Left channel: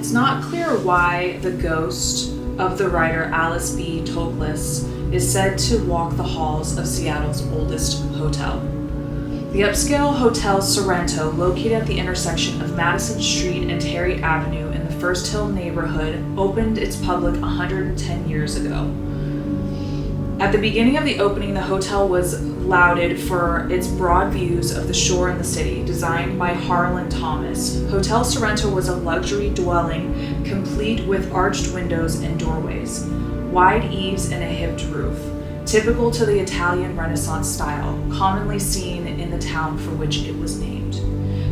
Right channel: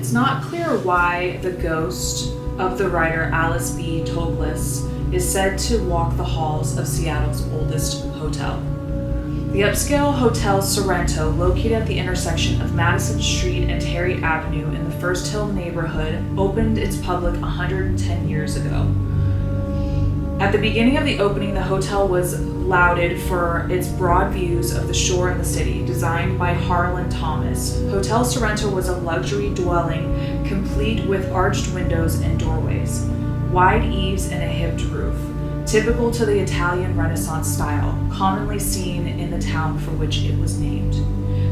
It's not clear why the ghost of the writer Alice B. Toklas is said to walk the halls of Seattle's oldest hotel. The upscale Hotel Sorrento, located at the intersection of Madison Street and Terry Avenue in the First Hill neighborhood, opened its public 110 years ago. At the beginning of the opening, the hotel was lauded for its broad views of the shore and the city. Designed by Harlan Thomas, Hotel Sorrento was a luxury dwelling complete with arched windows and doorways, wide eaves and a hipped roof, typical to the Italian Renaissance style, commonly seen in the town for which it was named.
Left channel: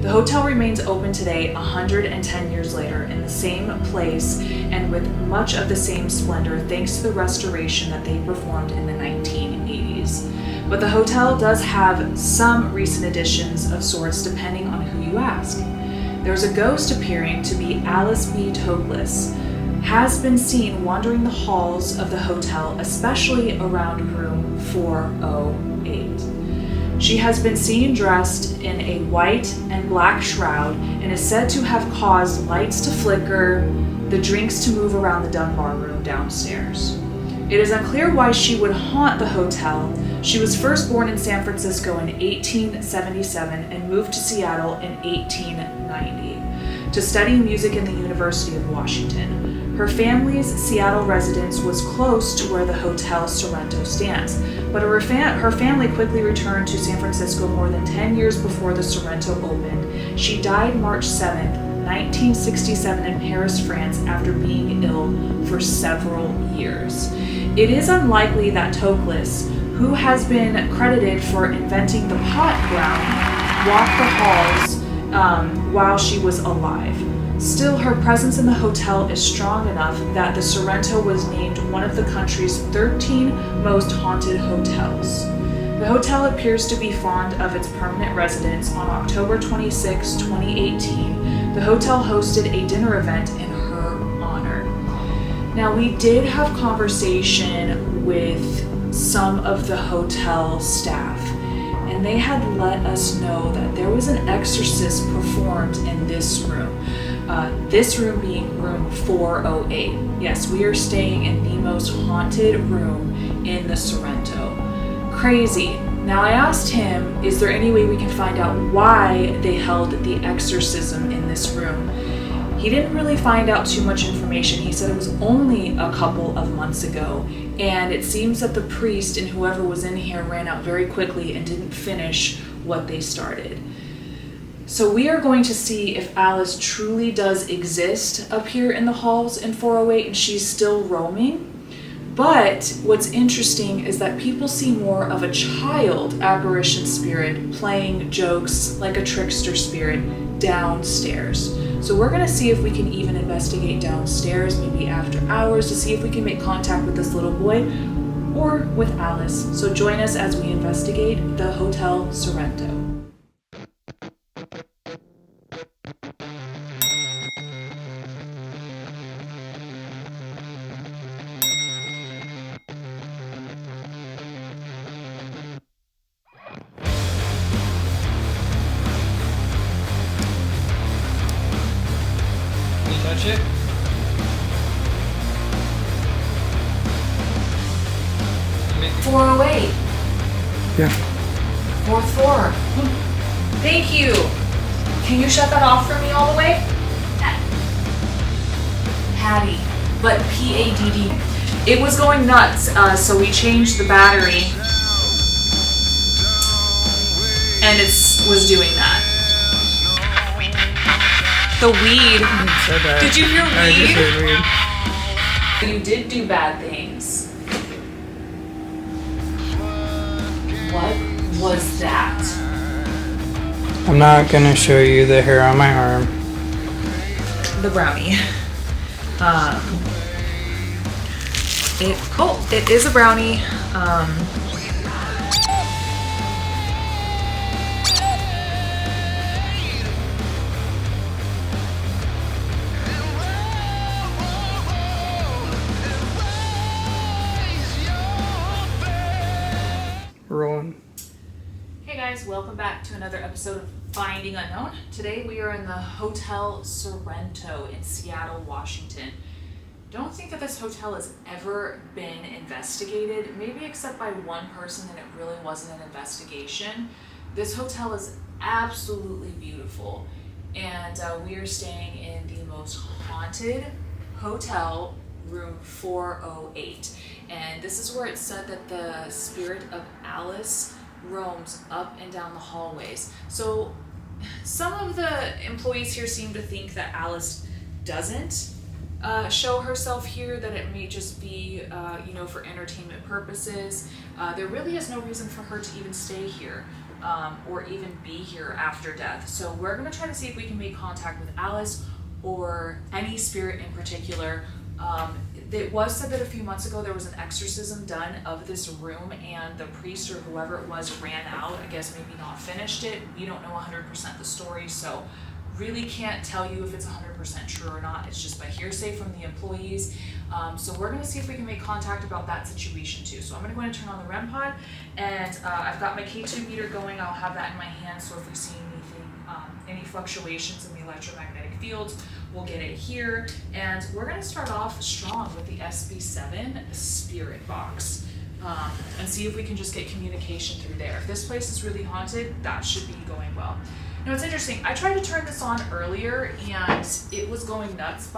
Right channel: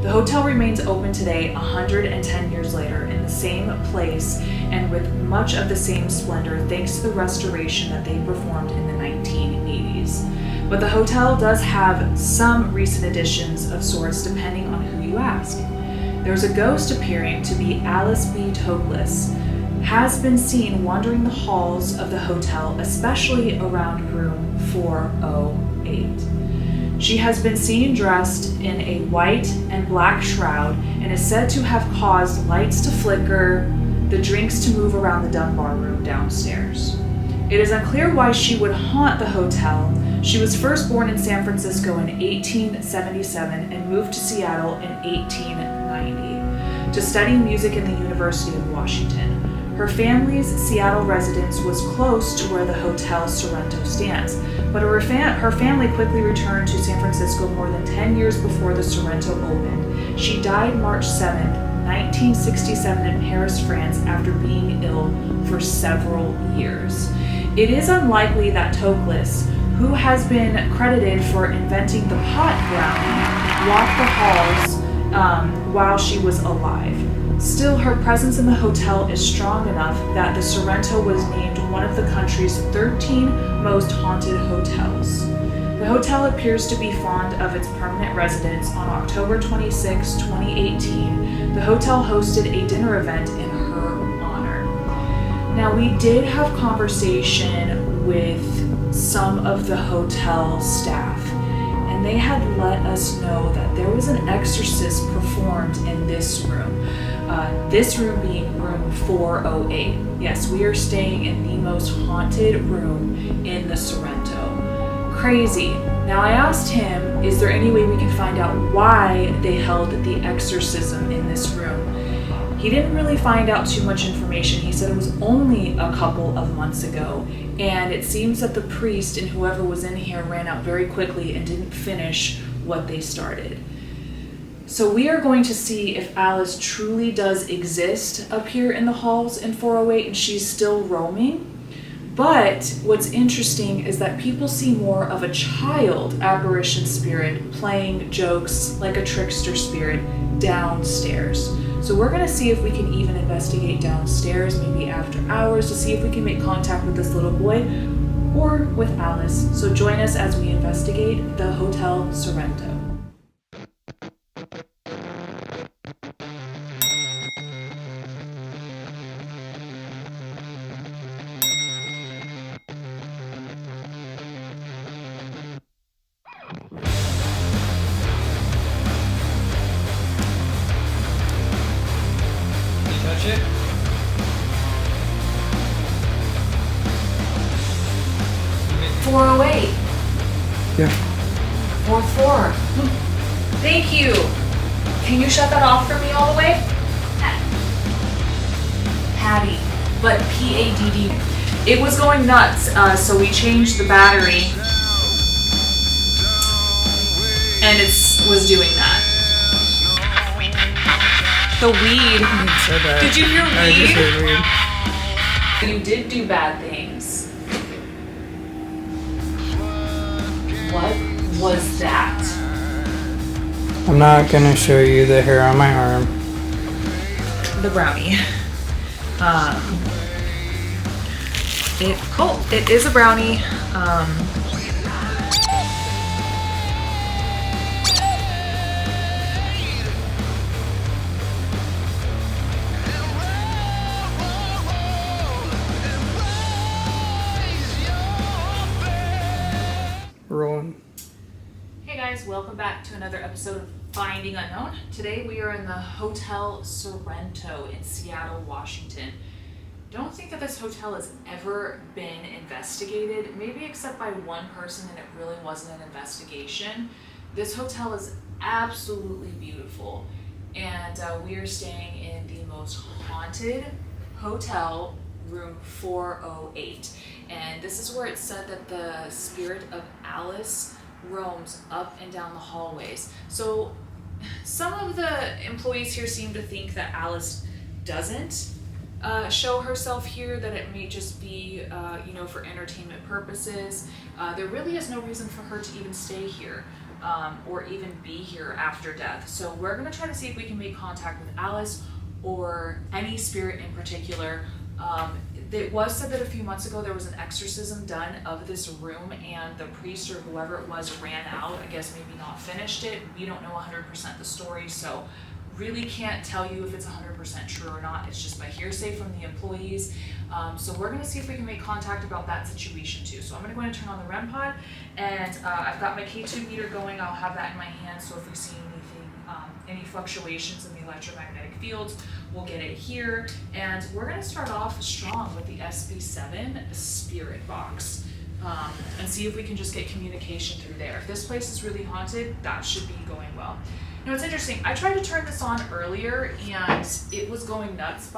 The hotel remains open today, 110 years later, in the same place and with much of the same splendor thanks to the restoration that they performed in the 1980s. But the hotel does have some recent additions of sorts depending on who you ask. There's a ghost appearing to be Alice B. Toklas, has been seen wandering the halls of the hotel, especially around room 408. She has been seen dressed in a white and black shroud and is said to have caused lights to flicker, the drinks to move around the Dunbar room downstairs. It is unclear why she would haunt the hotel. She was first born in San Francisco in 1877 and moved to Seattle in 1890 to study music in the University of Washington. Her family's Seattle residence was close to where the Hotel Sorrento stands, but her family quickly returned to San Francisco more than 10 years before the Sorrento opened. She died March 7th, 1967 in Paris, France, after being ill for several years. It is unlikely that Toklas, who has been credited for inventing the pot brownie, walked the halls while she was alive. Still, her presence in the hotel is strong enough that the Sorrento was named one of the country's 13 most haunted hotels. The hotel appears to be fond of its permanent residents. On October 26, 2018, the hotel hosted a dinner event in her honor. Now, we did have conversation with some of the hotel staff, and they had let us know that there was an exorcist performed in this room. This room being room 408. Yes, we are staying in the most haunted room in the Sorrento. Crazy. Now I asked him, is there any way we can find out why they held the exorcism in this room? He didn't really find out too much information. He said it was only a couple of months ago, and it seems that the priest and whoever was in here ran out very quickly and didn't finish what they started. So we are going to see if Alice truly does exist up here in the halls in 408 and she's still roaming. But what's interesting is that people see more of a child apparition spirit playing jokes like a trickster spirit downstairs. So we're going to see if we can even investigate downstairs, maybe after hours, to see if we can make contact with this little boy or with Alice. So join us as we investigate the Hotel Sorrento. Touch it? Maybe. 408. Yeah. Fourth floor. Thank you. Can you shut that off for me all the way? Patty, but P-A-D-D. It was going nuts, so we changed the battery, and it was doing that. The weed. So bad. Did you hear weed? I just heard weed. You did do bad things. What was that? I'm not gonna show you the hair on my arm. The brownie. It is a brownie. Rolling. Hey guys, welcome welcome back to another episode of Finding Unknown. Today we are in the Hotel Sorrento in Seattle, Washington. Don't think that this hotel has ever been investigated, maybe except by one person, and it really wasn't an investigation. This hotel is absolutely beautiful, and we are staying in the most haunted hotel, room 408. And this is where it's said that the spirit of Alice roams up and down the hallways. So some of the employees here seem to think that Alice doesn't show herself here, that it may just be for entertainment purposes. There really is no reason for her to even stay here or even be here after death. So we're going to try to see if we can make contact with Alice or any spirit in particular. It was said that a few months ago there was an exorcism done of this room, and the priest or whoever it was ran out. I guess maybe not finished it. We don't know 100% the story, so really can't tell you if it's 100% true or not. It's just by hearsay from the employees. So we're going to see if we can make contact about that situation too. So I'm going to go ahead and turn on the REM pod, and I've got my K2 meter going. I'll have that in my hand, so if we see anything, any fluctuations in the electromagnetic fields, we'll get it here. And we're going to start off strong with the SB7 spirit box and see if we can just get communication through there. If this place is really haunted, that should be going well. Now it's interesting, I tried to turn this on earlier and it was going nuts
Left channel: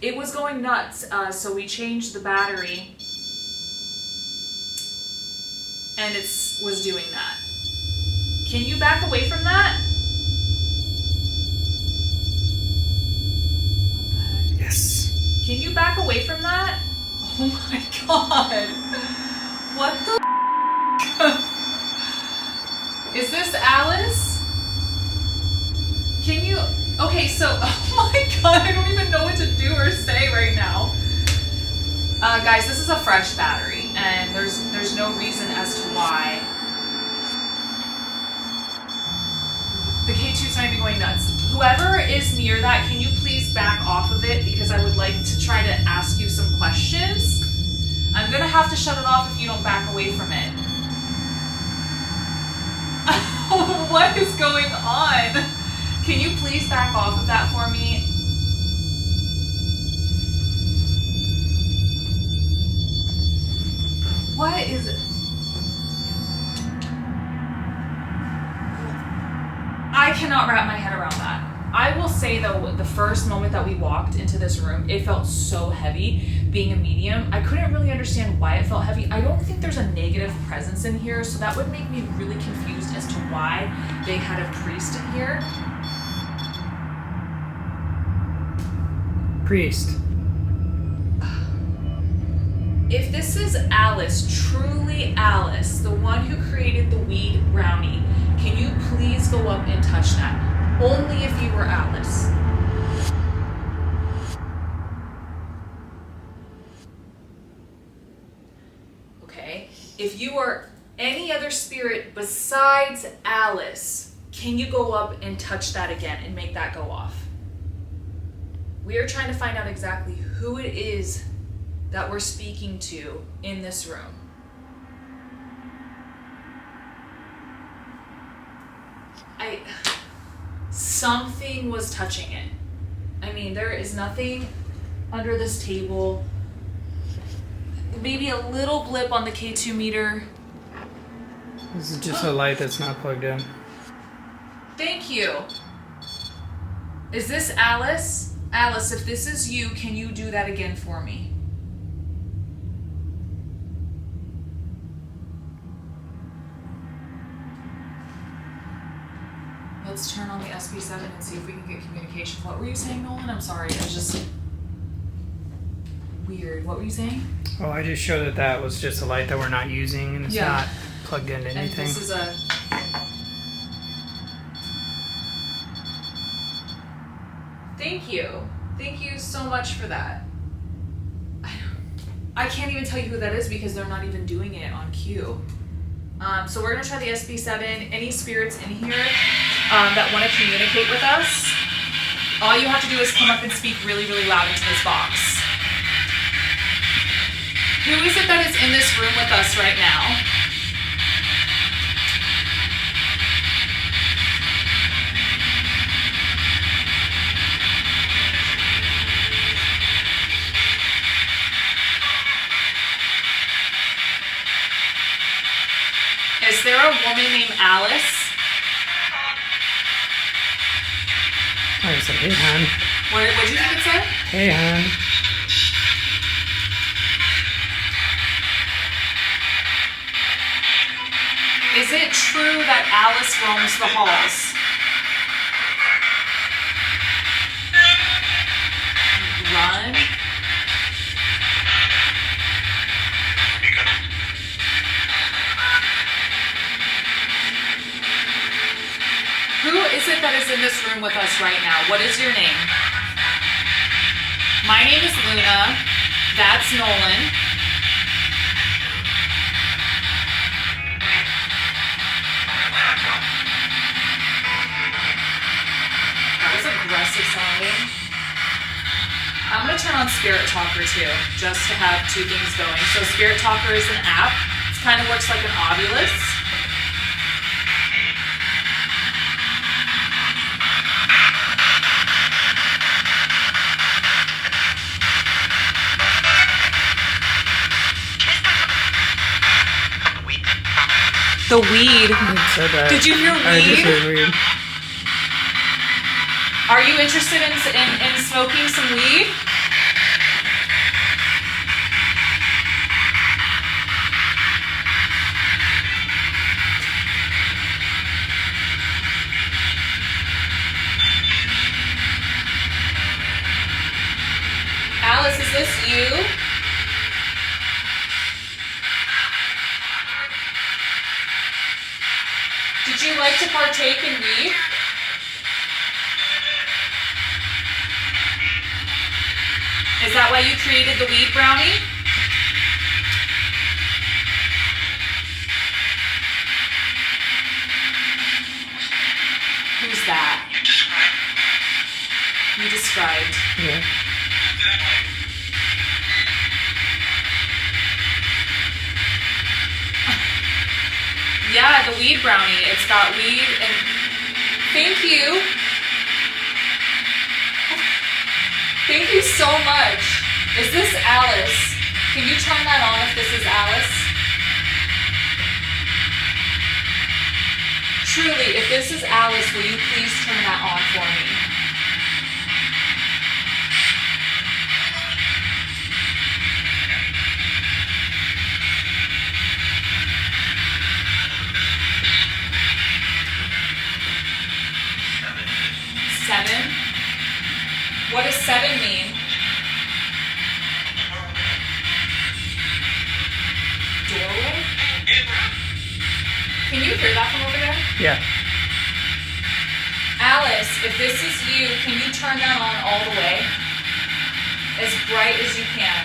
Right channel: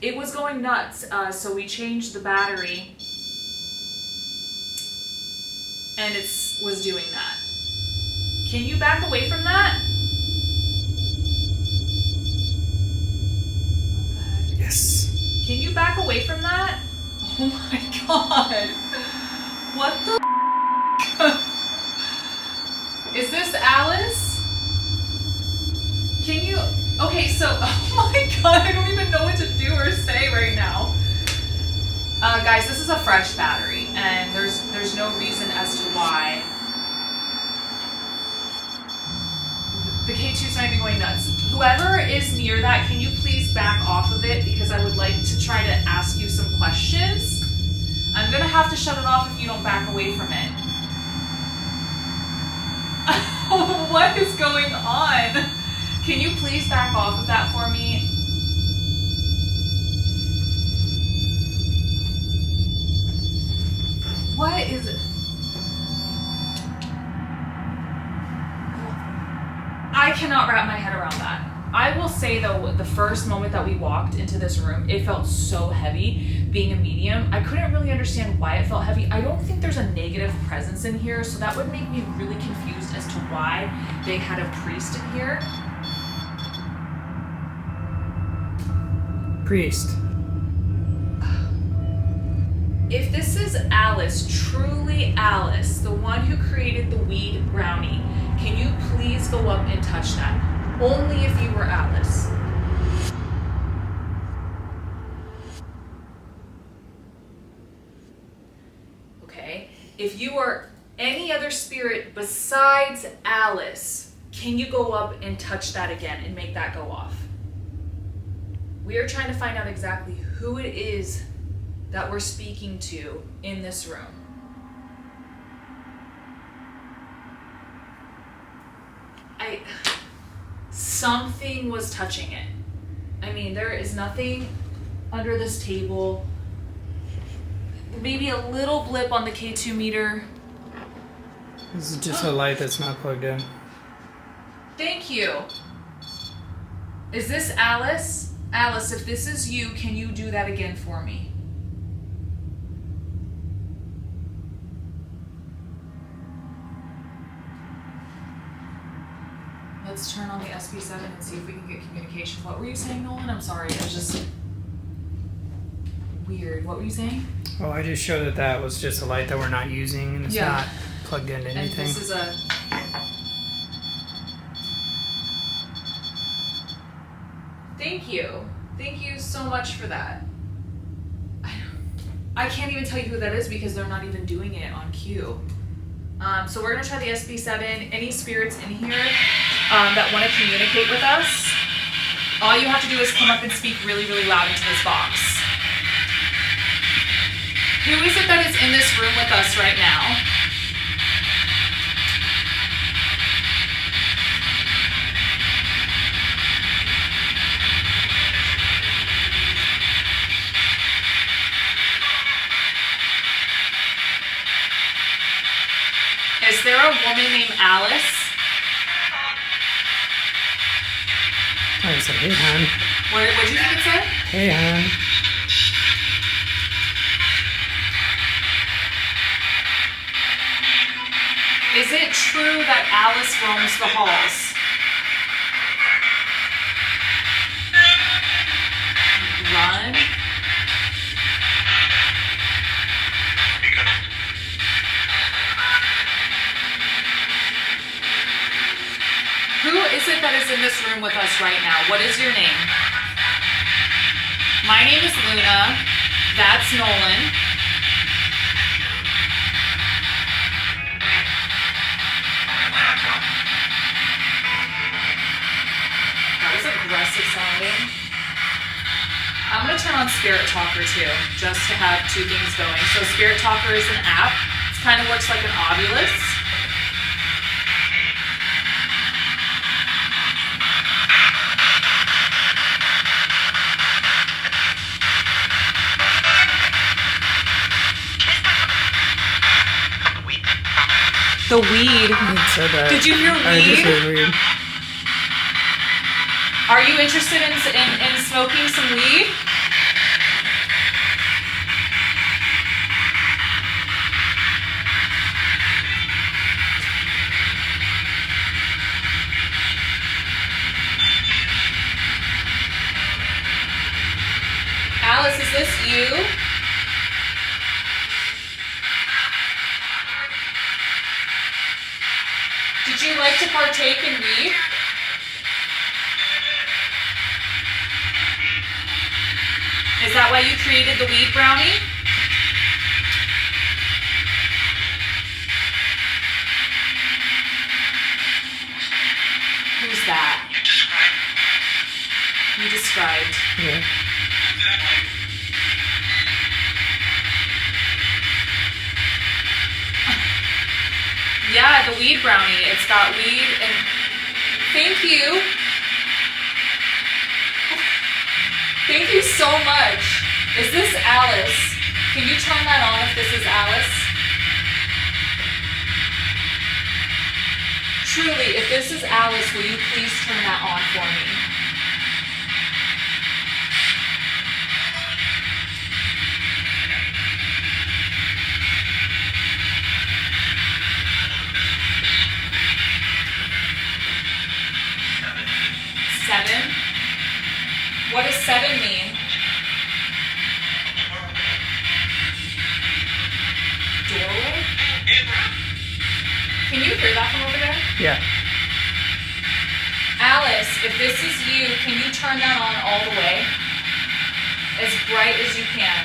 it was going nuts, so we changed the battery and it was doing that. Can you back away from that? Yes. Can you back away from that? Oh my god. What the Is this Alice? Can you... Okay, so... Oh my god, I don't even know what to do or say right now. Guys, this is a fresh battery, and there's no reason as to why the K2's not even going nuts. Whoever is near that, can you please back off of it, because I would like to try to ask you some questions. I'm gonna have to shut it off if you don't back away from it. What is going on? Can you please back off of that for me? What is it? I cannot wrap my head around that. I will say though, the first moment that we walked into this room, it felt so heavy. Being a medium, I couldn't really understand why it felt heavy. I don't think there's a negative presence in here, so that would make me really confused as to why they had a priest in here. Priest. If this is Alice, truly Alice, the one who created the weed brownie, can you please go up and touch that? Only if you were Alice. Okay. If you are any other spirit besides Alice, can you go up and touch that again and make that go off? We are trying to find out exactly who it is that we're speaking to in this room. Something was touching it. I mean, there is nothing under this table. Maybe a little blip on the K2 meter. This is just a light that's not plugged in. Thank you. Is this Alice? Alice, if this is you, can you do that again for me? Let's turn on the SB7 and see if we can get communication. What were you saying, Nolan? I'm sorry, it was just weird. What were you saying? Oh, I just showed that that was just a light that we're not using, and it's not plugged into anything. And this is a... Thank you. Thank you so much for that. I can't even tell you who that is because they're not even doing it on cue. So we're going to try the SB7. Any spirits in here that want to communicate with us, all you have to do is come up and speak really, really loud into this box. Who is it that is in this room with us right now? there a woman named Alice? I said, hey, hon. What did you think it said? Hey, hon. Is it true that Alice roams the halls? Run. Who is it that is in this room with us right now? What is your name? My name is Luna. That's Nolan. That was aggressive sounding. I'm going to turn on Spirit Talker too, just to have two things going. So Spirit Talker is an app. It kind of works like an Ovilus. The weed. Did you hear weed? I just heard weed. Are you interested in smoking some weed? Alice, is this you? Did you like to partake in weed? Is that why you created the weed brownie? Who's that? You described. Yeah. Yeah, the weed brownie. It's got weed and... Thank you. Thank you so much. Is this Alice? Can you turn that on if this is Alice? Truly, if this is Alice, will you please turn that on for me? Seven? What does 7 mean? Doorway? Can you hear that from over there? Yeah. Alice, if this is you, can you turn that on all the way? As bright as you can.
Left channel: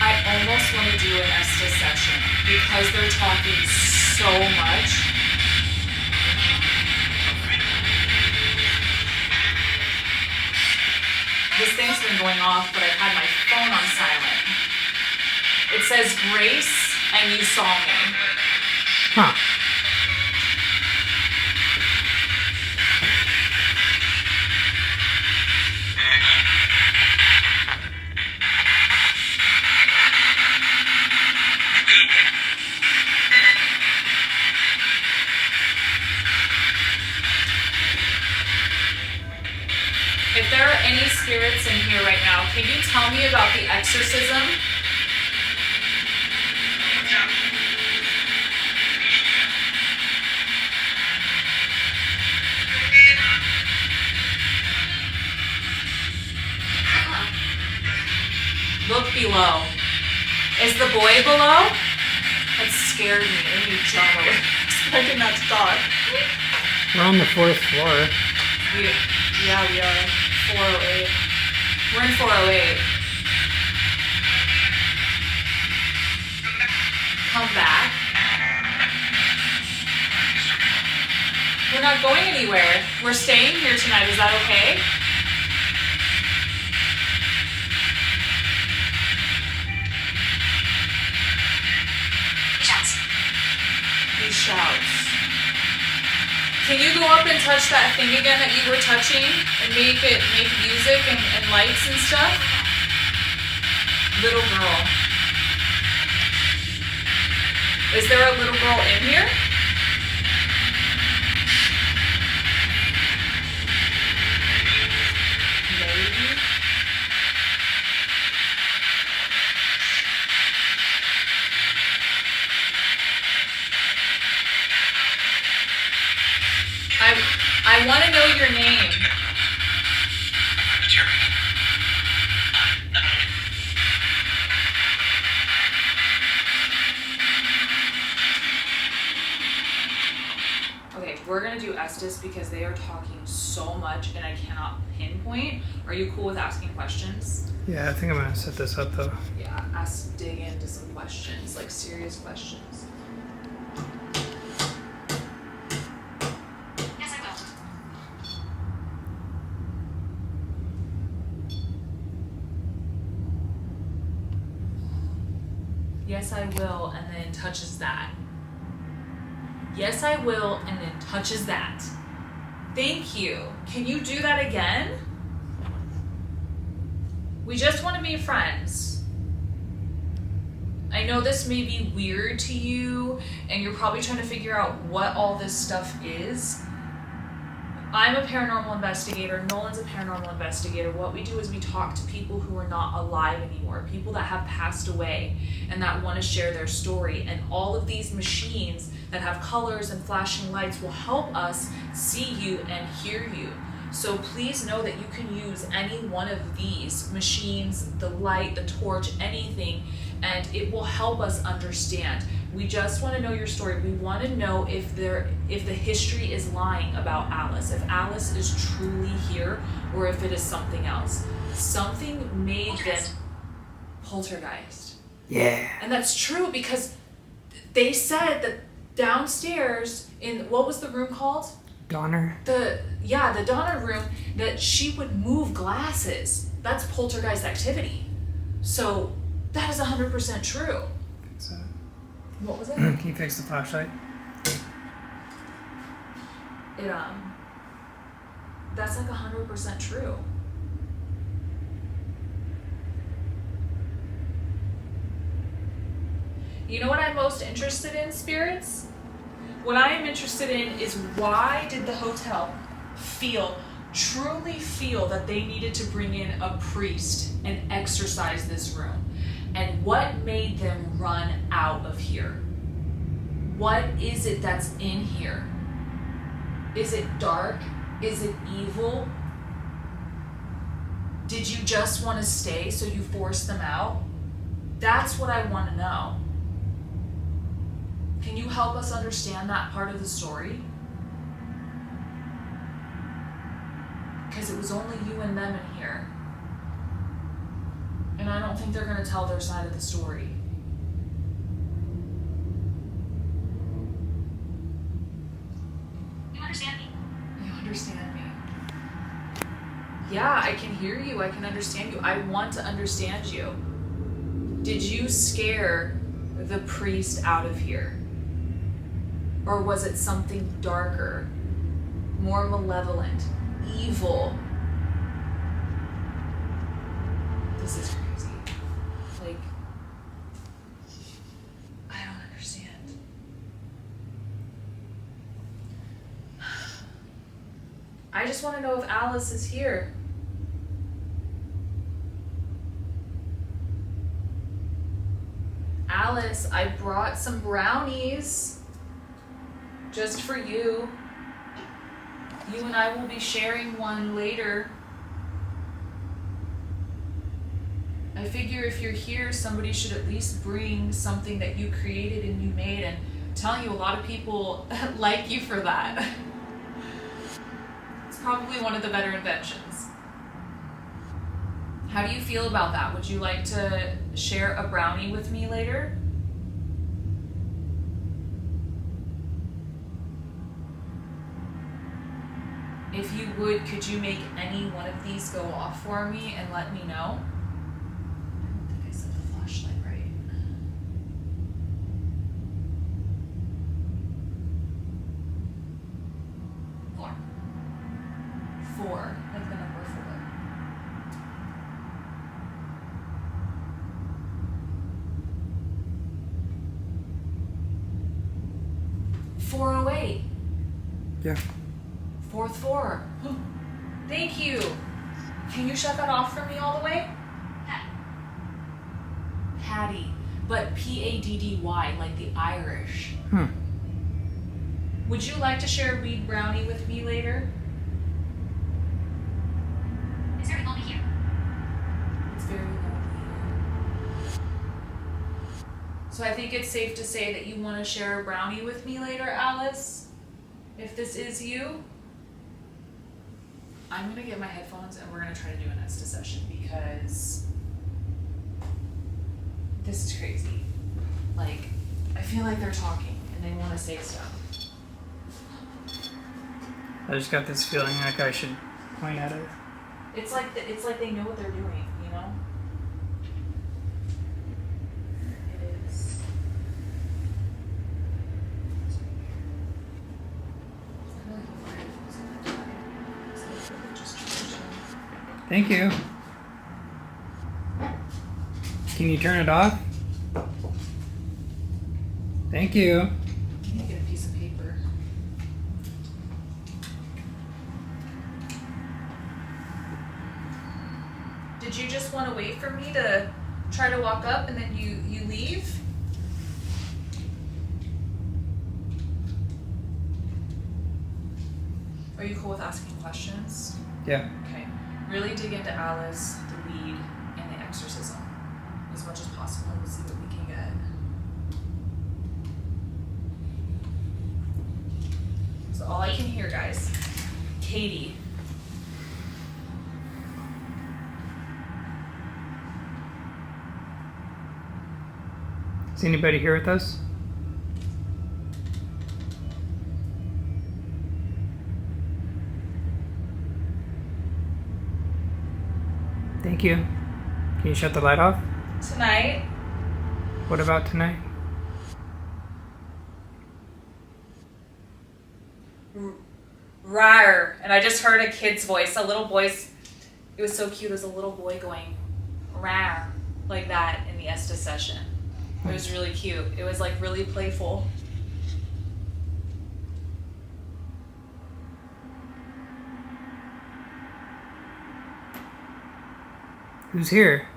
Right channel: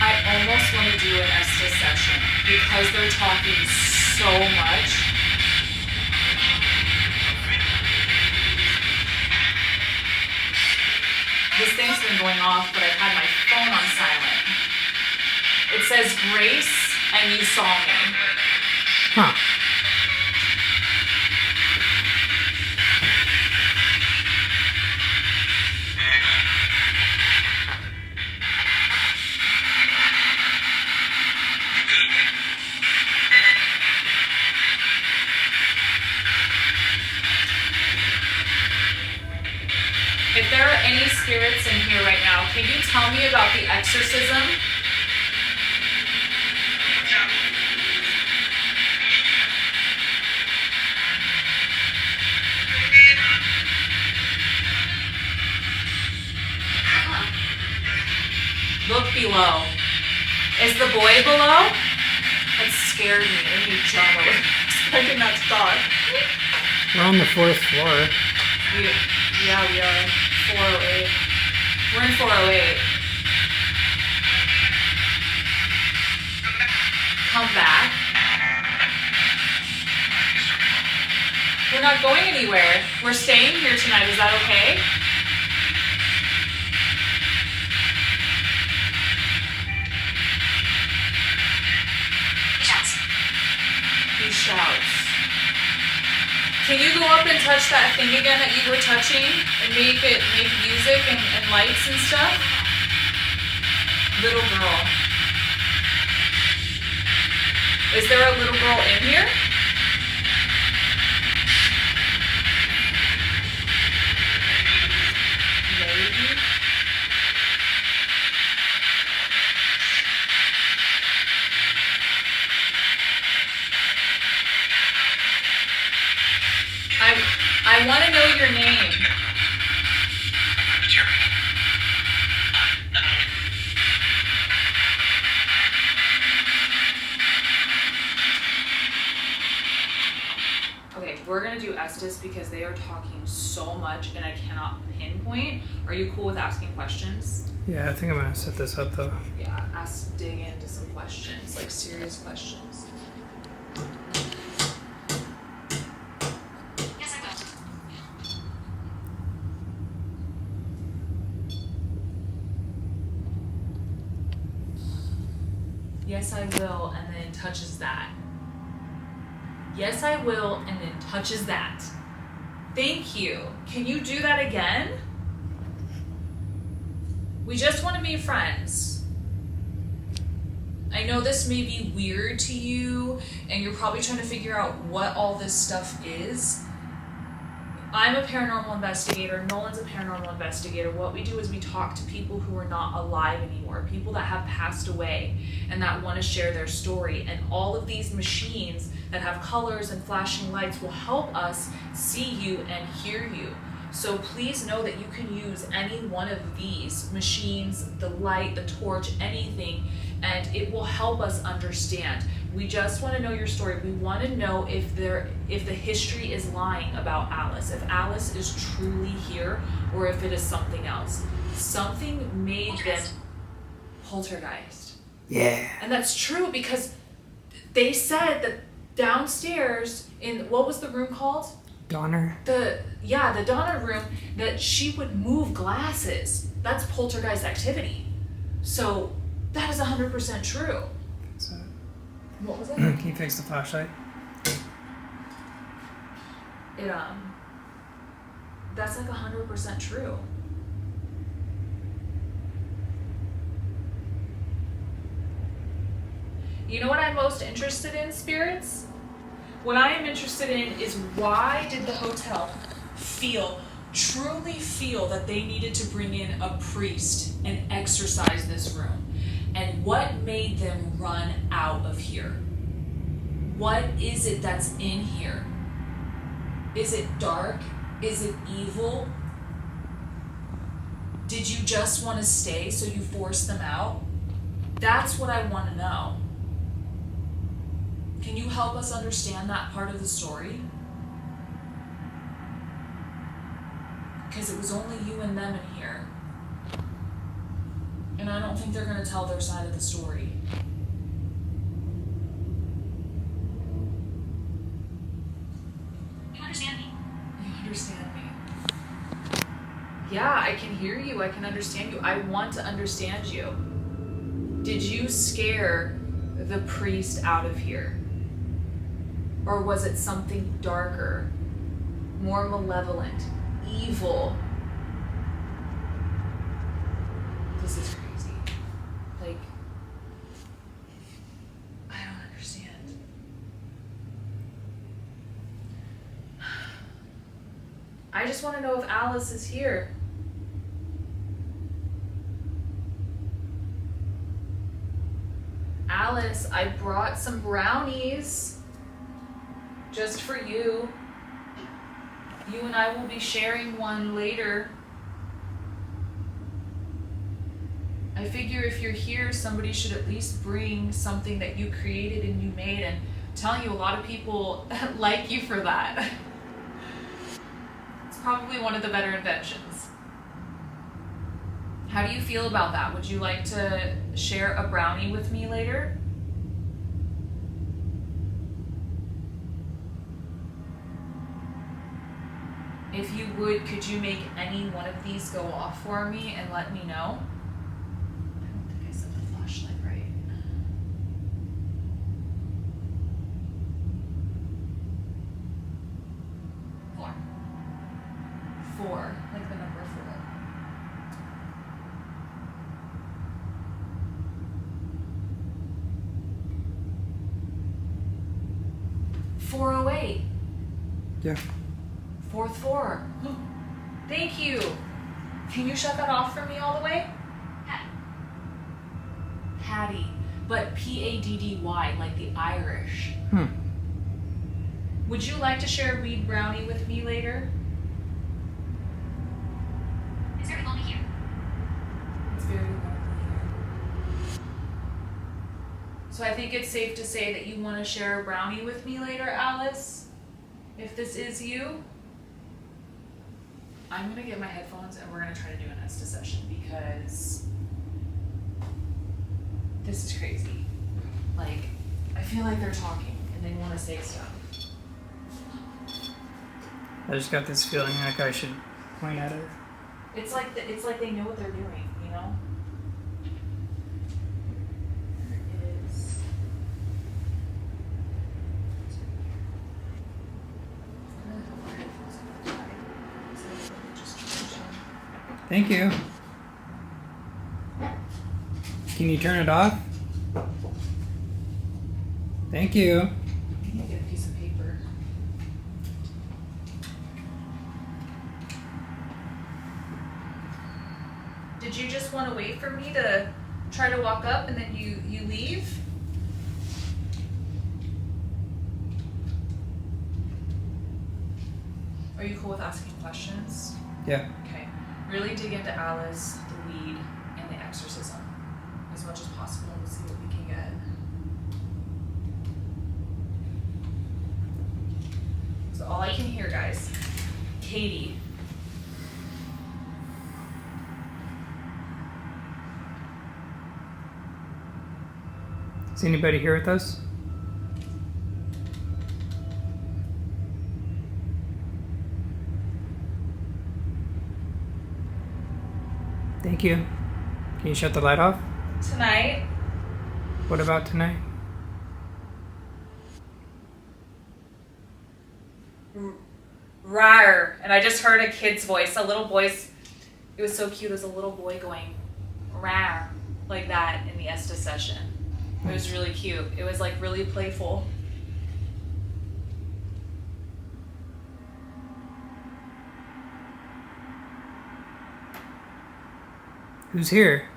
I almost want to do an Estes session because they're talking so much. This thing's been going off, but I've had my phone on silent. It says Grace and you saw me. Huh. If there are any spirits in here right now, can you tell me about the exorcism? Look below. Is the boy below? That scared me. I need to jump. I was expecting that to talk. We're on the 4th floor. Yeah, we are. 408. We're in 408. Come back. We're not going anywhere. We're staying here tonight. Is that okay? He shouts. Can you go up and touch that thing again that you were touching and make music and lights and stuff? Little girl. Is there a little girl in here? Maybe. I want to know your name. Okay, we're gonna do Estes because they are talking so much and I cannot pinpoint. Are you cool with asking questions? Yeah, I think I'm gonna set this up though. Yeah, dig into some questions, like serious questions. Yes, I will. Yes, I will, and then touches that. Yes, I will, and then touches that. Thank you. Can you do that again? We just want to be friends. I know this may be weird to you, and you're probably trying to figure out what all this stuff is. I'm a paranormal investigator. Nolan's a paranormal investigator. What we do is we talk to people who are not alive anymore, people that have passed away and that want to share their story. And all of these machines that have colors and flashing lights will help us see you and hear you. So please know that you can use any one of these machines, the light, the torch, anything, and it will help us understand. We just want to know your story. We want to know if the history is lying about Alice, if Alice is truly here or if it is something else. Something made them poltergeist. Yeah. And that's true because they said that downstairs in, what was the room called? Donner. The Donner room, that she would move glasses. That's poltergeist activity. So that is 100% true. So, What was it? can you fix the flashlight? That's like 100% true. You know what I'm most interested in, spirits? What I am interested in is why did the hotel truly feel that they needed to bring in a priest and exorcise this room? And what made them run out of here? What is it that's in here? Is it dark? Is it evil? Did you just want to stay so you forced them out? That's what I want to know. Can you help us understand that part of the story? Because it was only you and them in here. And I don't think they're going to tell their side of the story. You understand me? You understand me? Yeah, I can hear you. I can understand you. I want to understand you. Did you scare the priest out of here? Or was it something darker, more malevolent, evil? This is crazy. Like, I don't understand. I just want to know if Alice is here. Alice, I brought some brownies just for you. You and I will be sharing one later. I figure if you're here, somebody should at least bring something that you created and you made, and I'm telling you, a lot of people like you for that. It's probably one of the better inventions. How do you feel about that? Would you like to share a brownie with me later? If you would, could you make any one of these go off for me and let me know? I don't think I set the flashlight right. Four, like the number 4. 408. Yeah. Fourth floor. Thank you. Can you shut that off for me all the way? Patty. But Paddy, like the Irish. Would you like to share a weed brownie with me later? It's very lonely here. It's very lonely here. So I think it's safe to say that you want to share a brownie with me later, Alice? If this is you? I'm going to get my headphones and we're going to try to do an Esta session because this is crazy. Like, I feel like they're talking and they want to say stuff. I just got this feeling like I should point at it. It's like they know what they're doing, you know? Here it is. It's right here. I really hope my headphones don't die. So I really just charge them. Thank you. Can you turn it off? Thank you. I need to get a piece of paper. Did you just want to wait for me to try to walk up and then you leave? Are you cool with asking questions? Yeah. Okay. Really dig into Alice, the weed, and the exorcism as much as possible. We'll see what we can get. So all I can hear, guys, Katie. Is anybody here with us? Thank you. Can you shut the light off? Tonight, What about tonight? rawr, and I just heard a kid's voice, a little voice. It was so cute. It was a little boy going rawr like that in the Esta session. It was really cute. It was like really playful. Who's here?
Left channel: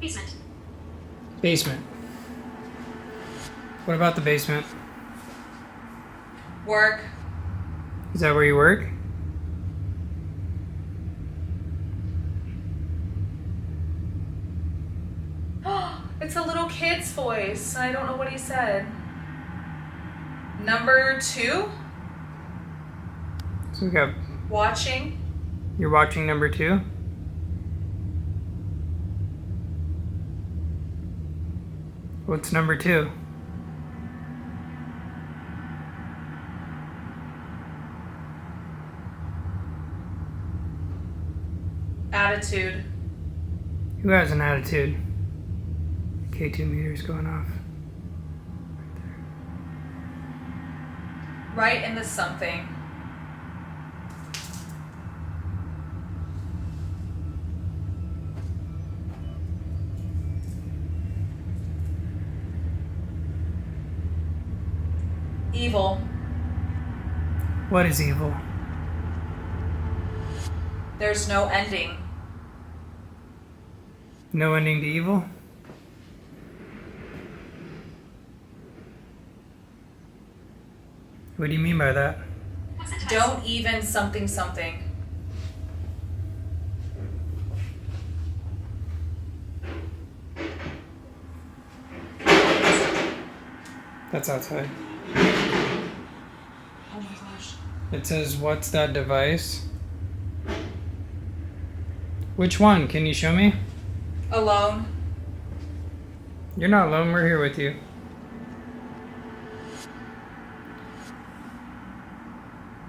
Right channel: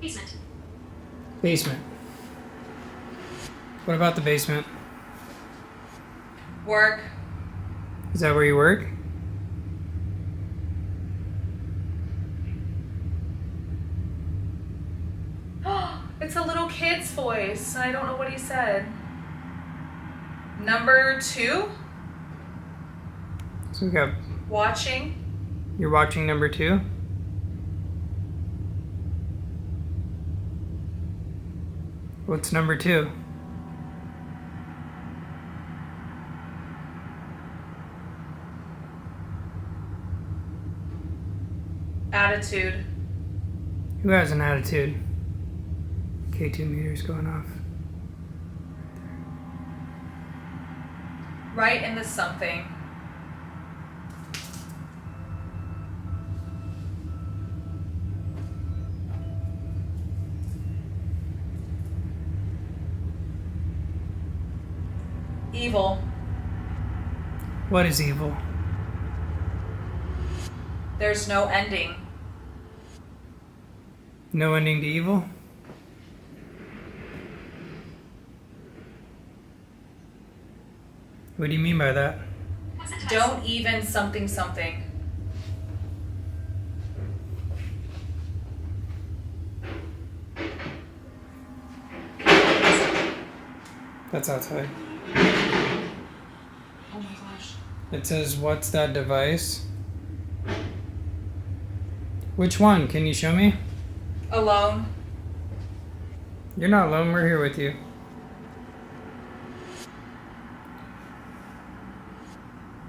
Basement. Basement. What about the basement? Work. Is that where you work? It's a little kid's voice. I don't know what he said. Number 2, So we got. watching. You're watching number 2? What's number 2? Attitude. Who has an attitude? K2 meters going off. Right in the something. Evil. What is evil? There's no ending. No ending to evil? What do you mean by that? What's the device? Don't even something something. That's outside. Oh my gosh. It says, what's that device? Which one? Can you show me? Alone. You're not alone, we're here with you.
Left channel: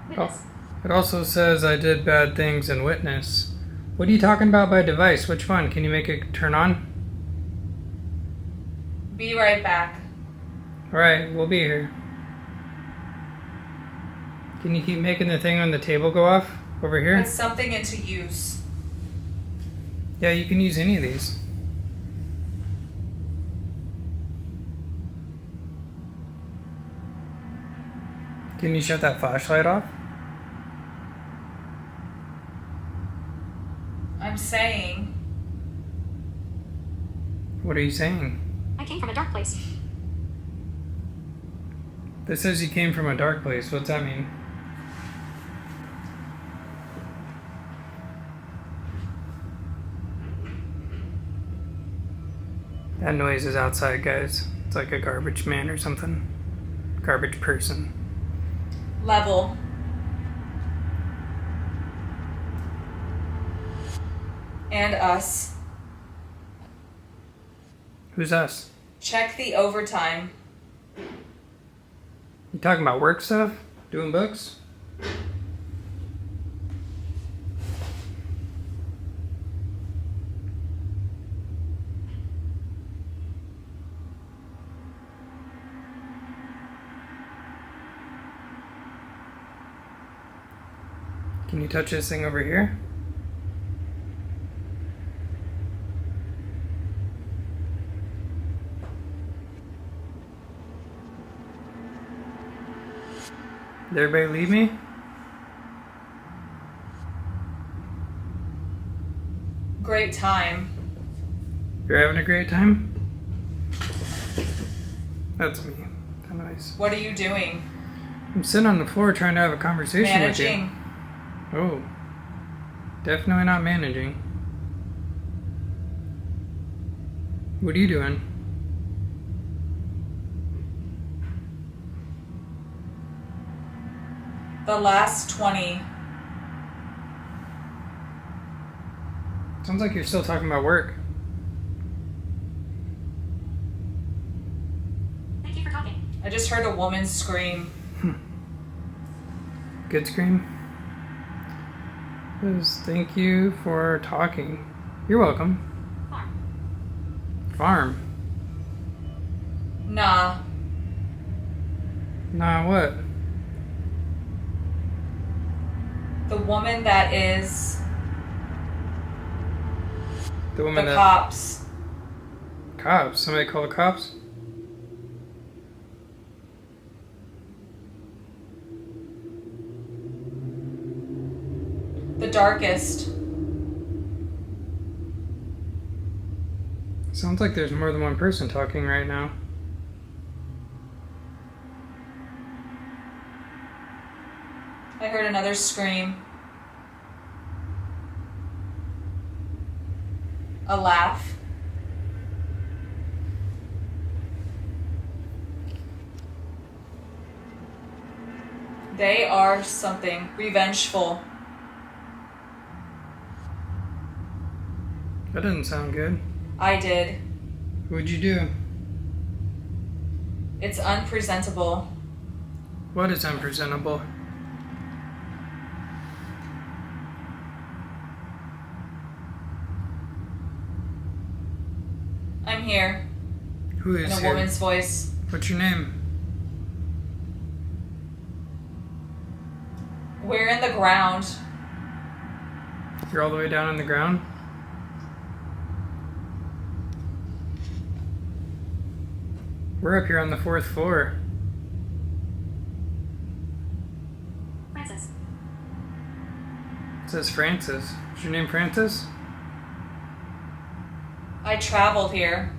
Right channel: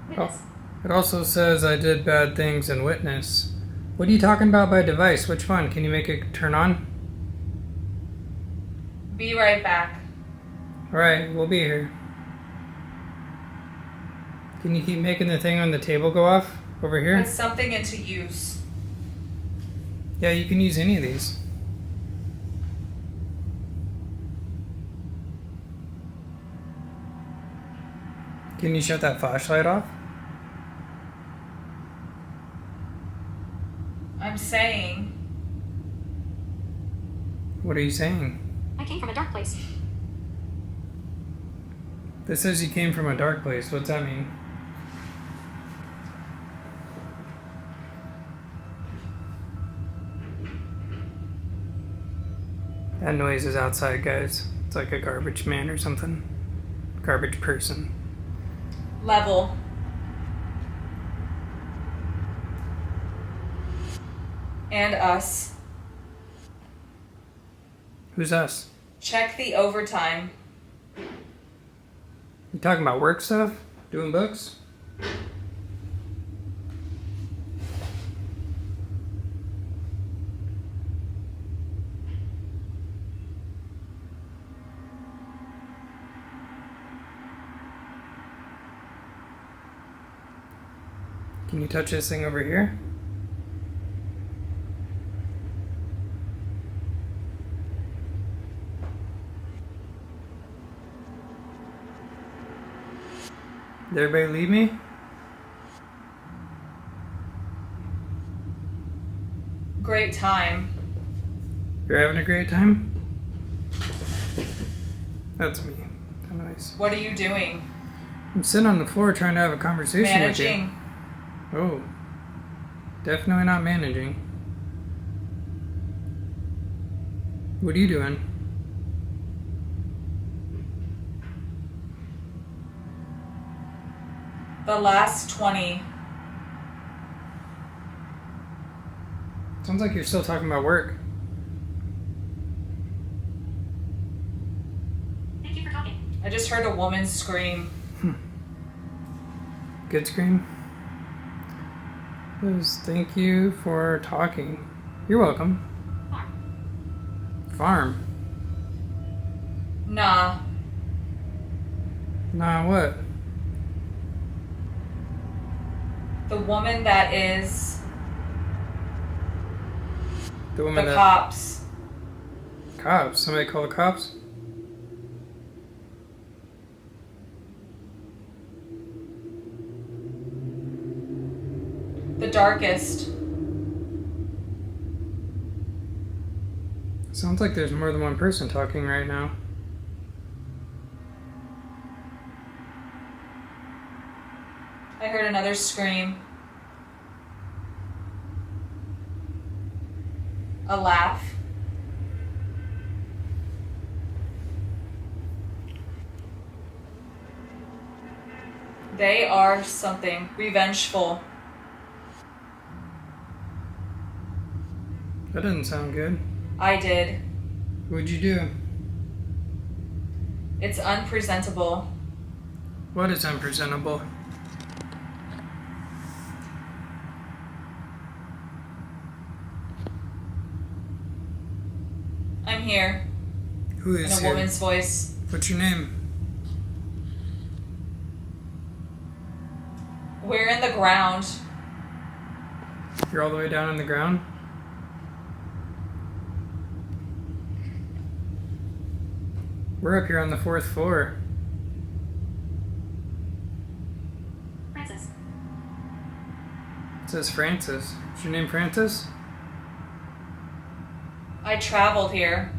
Witness. It also says I did bad things and witness. What are you talking about by device? Which one? Can you make it turn on? Be right back. Alright, we'll be here. Can you keep making the thing on the table go off? Over here? Put something into use. Yeah, you can use any of these. Can you shut that flashlight off? I'm saying. What are you saying? I came from a dark place. This says you came from a dark place. What's that mean? That noise is outside, guys. It's like a garbage man or something. Garbage person. Level. And us. Who's us? Check the overtime. You talking about work stuff? Doing books? Can you touch this thing over here? Did everybody leave me? Great time. You're having a great time? That's me. How nice. What are you doing? I'm sitting on the floor trying to have a conversation with you. Managing. Oh. Definitely not managing. What are you doing? The last 20. Sounds like you're still talking about work. Thank you for talking. I just heard a woman scream. Good scream. Says, thank you for talking. You're welcome. Farm. Nah. Nah, what? The woman that is The woman the that... cops. Cops? Somebody call the cops? The darkest. Sounds like there's more than one person talking right now. I heard another scream. A laugh. They are something revengeful. That doesn't sound good. I did. What'd you do? It's unpresentable. What is unpresentable? I'm here. Who In is a here? woman's voice. What's your name? We're in the ground. You're all the way down on the ground? We're up here on the 4th floor. Francis. It says Francis. Is your name Francis? I traveled here.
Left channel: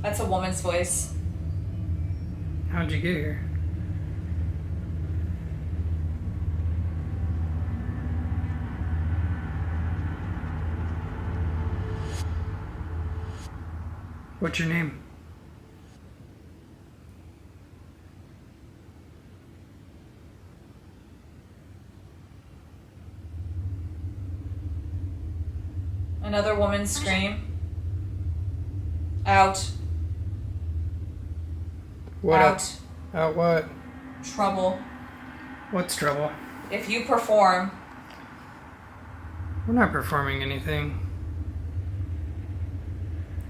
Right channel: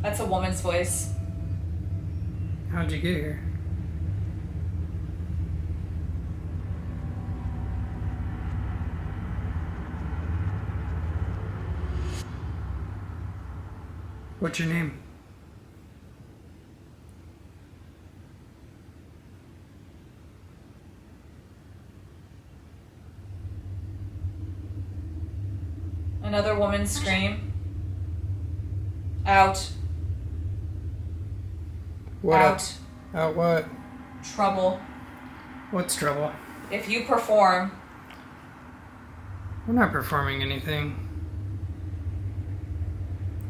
That's a woman's voice. How'd you get here? What's your name? Another woman's scream. Out. What Out. Out what? Trouble. What's trouble? If you perform, We're not performing anything.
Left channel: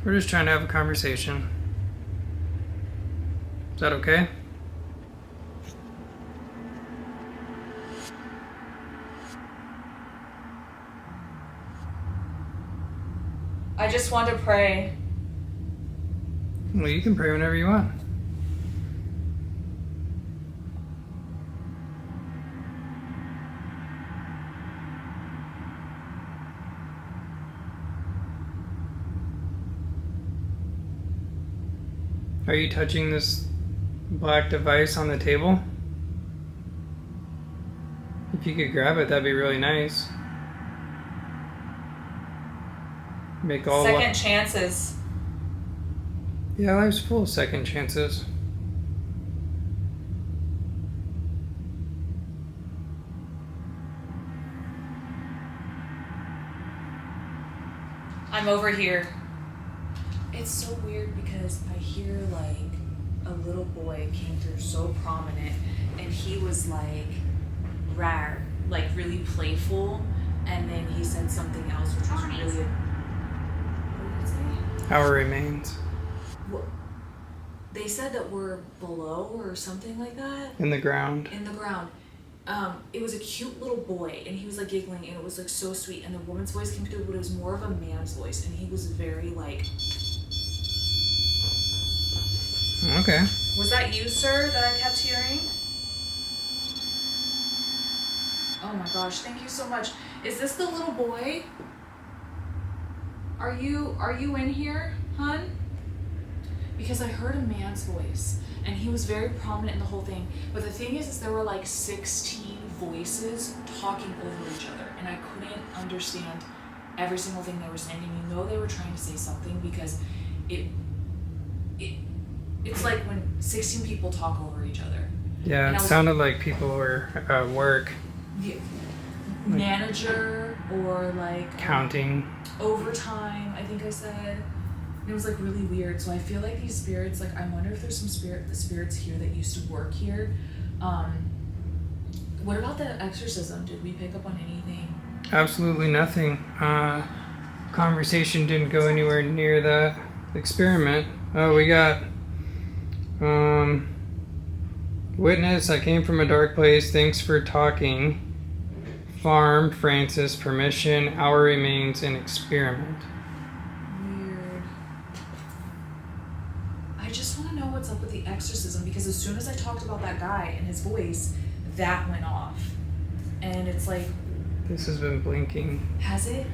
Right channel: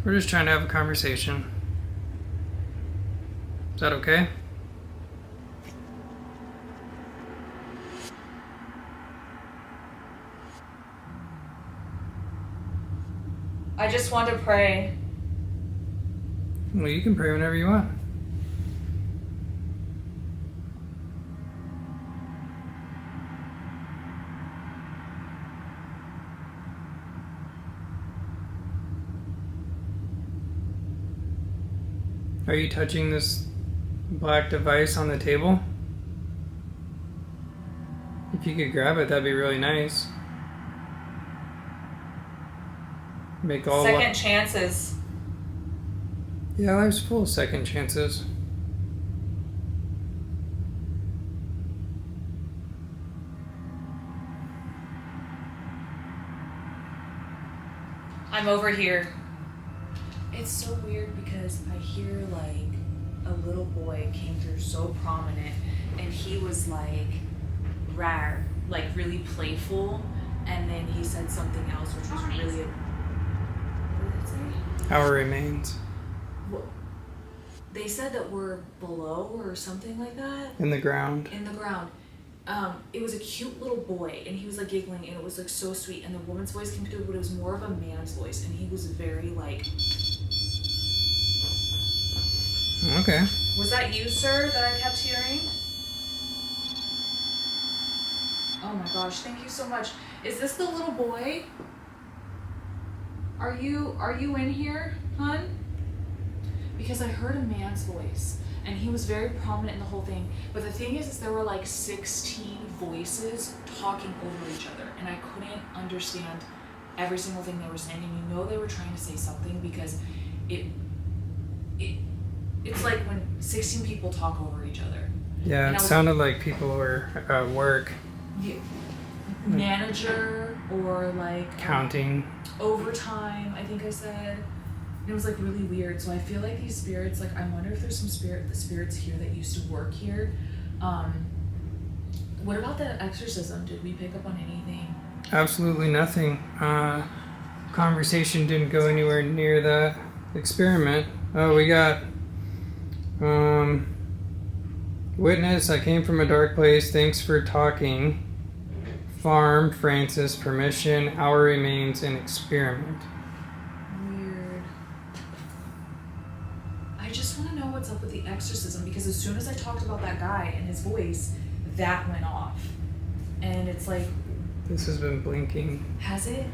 We're just trying to have a conversation. Is that okay? I just want to pray. Well, you can pray whenever you want. Are you touching this black device on the table? If you could grab it, that'd be really nice. Make all Second chances. Yeah, life's full of second chances. I'm over here. It's so weird because I hear like a little boy came through so prominent and he was like rare, like really playful, and then he said something else which was really what did it say? Our remains. What? They said that we're below or something like that. In the ground. In the ground. It was a cute little boy and he was like giggling and it was like so sweet and the woman's voice came through, but it was more of a man's voice and he was very like. Okay. Was that you, sir, that I kept hearing? Oh my gosh, thank you so much. Is this the little boy? Are you in here, hun? Because I heard a man's voice and he was very prominent in the whole thing. But the thing is there were like 16 voices talking over each other and I couldn't understand every single thing they were saying, and you know they were trying to say something because it's like when 16 people talk over each other. Yeah, it sounded like people were at work. Yeah, manager or like counting. Overtime, I think I said. And it was like really weird. So I feel like these spirits, like I wonder if there's some spirits here that used to work here. What about the exorcism? Did we pick up on anything? Absolutely nothing. Conversation didn't go anywhere near that experiment. Oh, we got witness, I came from a dark place. Thanks for talking. Farm, Francis, permission, our remains, and experiment. Weird. I just want to know what's up with the exorcism because as soon as I talked about that guy and his voice, that went off. And it's like... This has been blinking. Has it?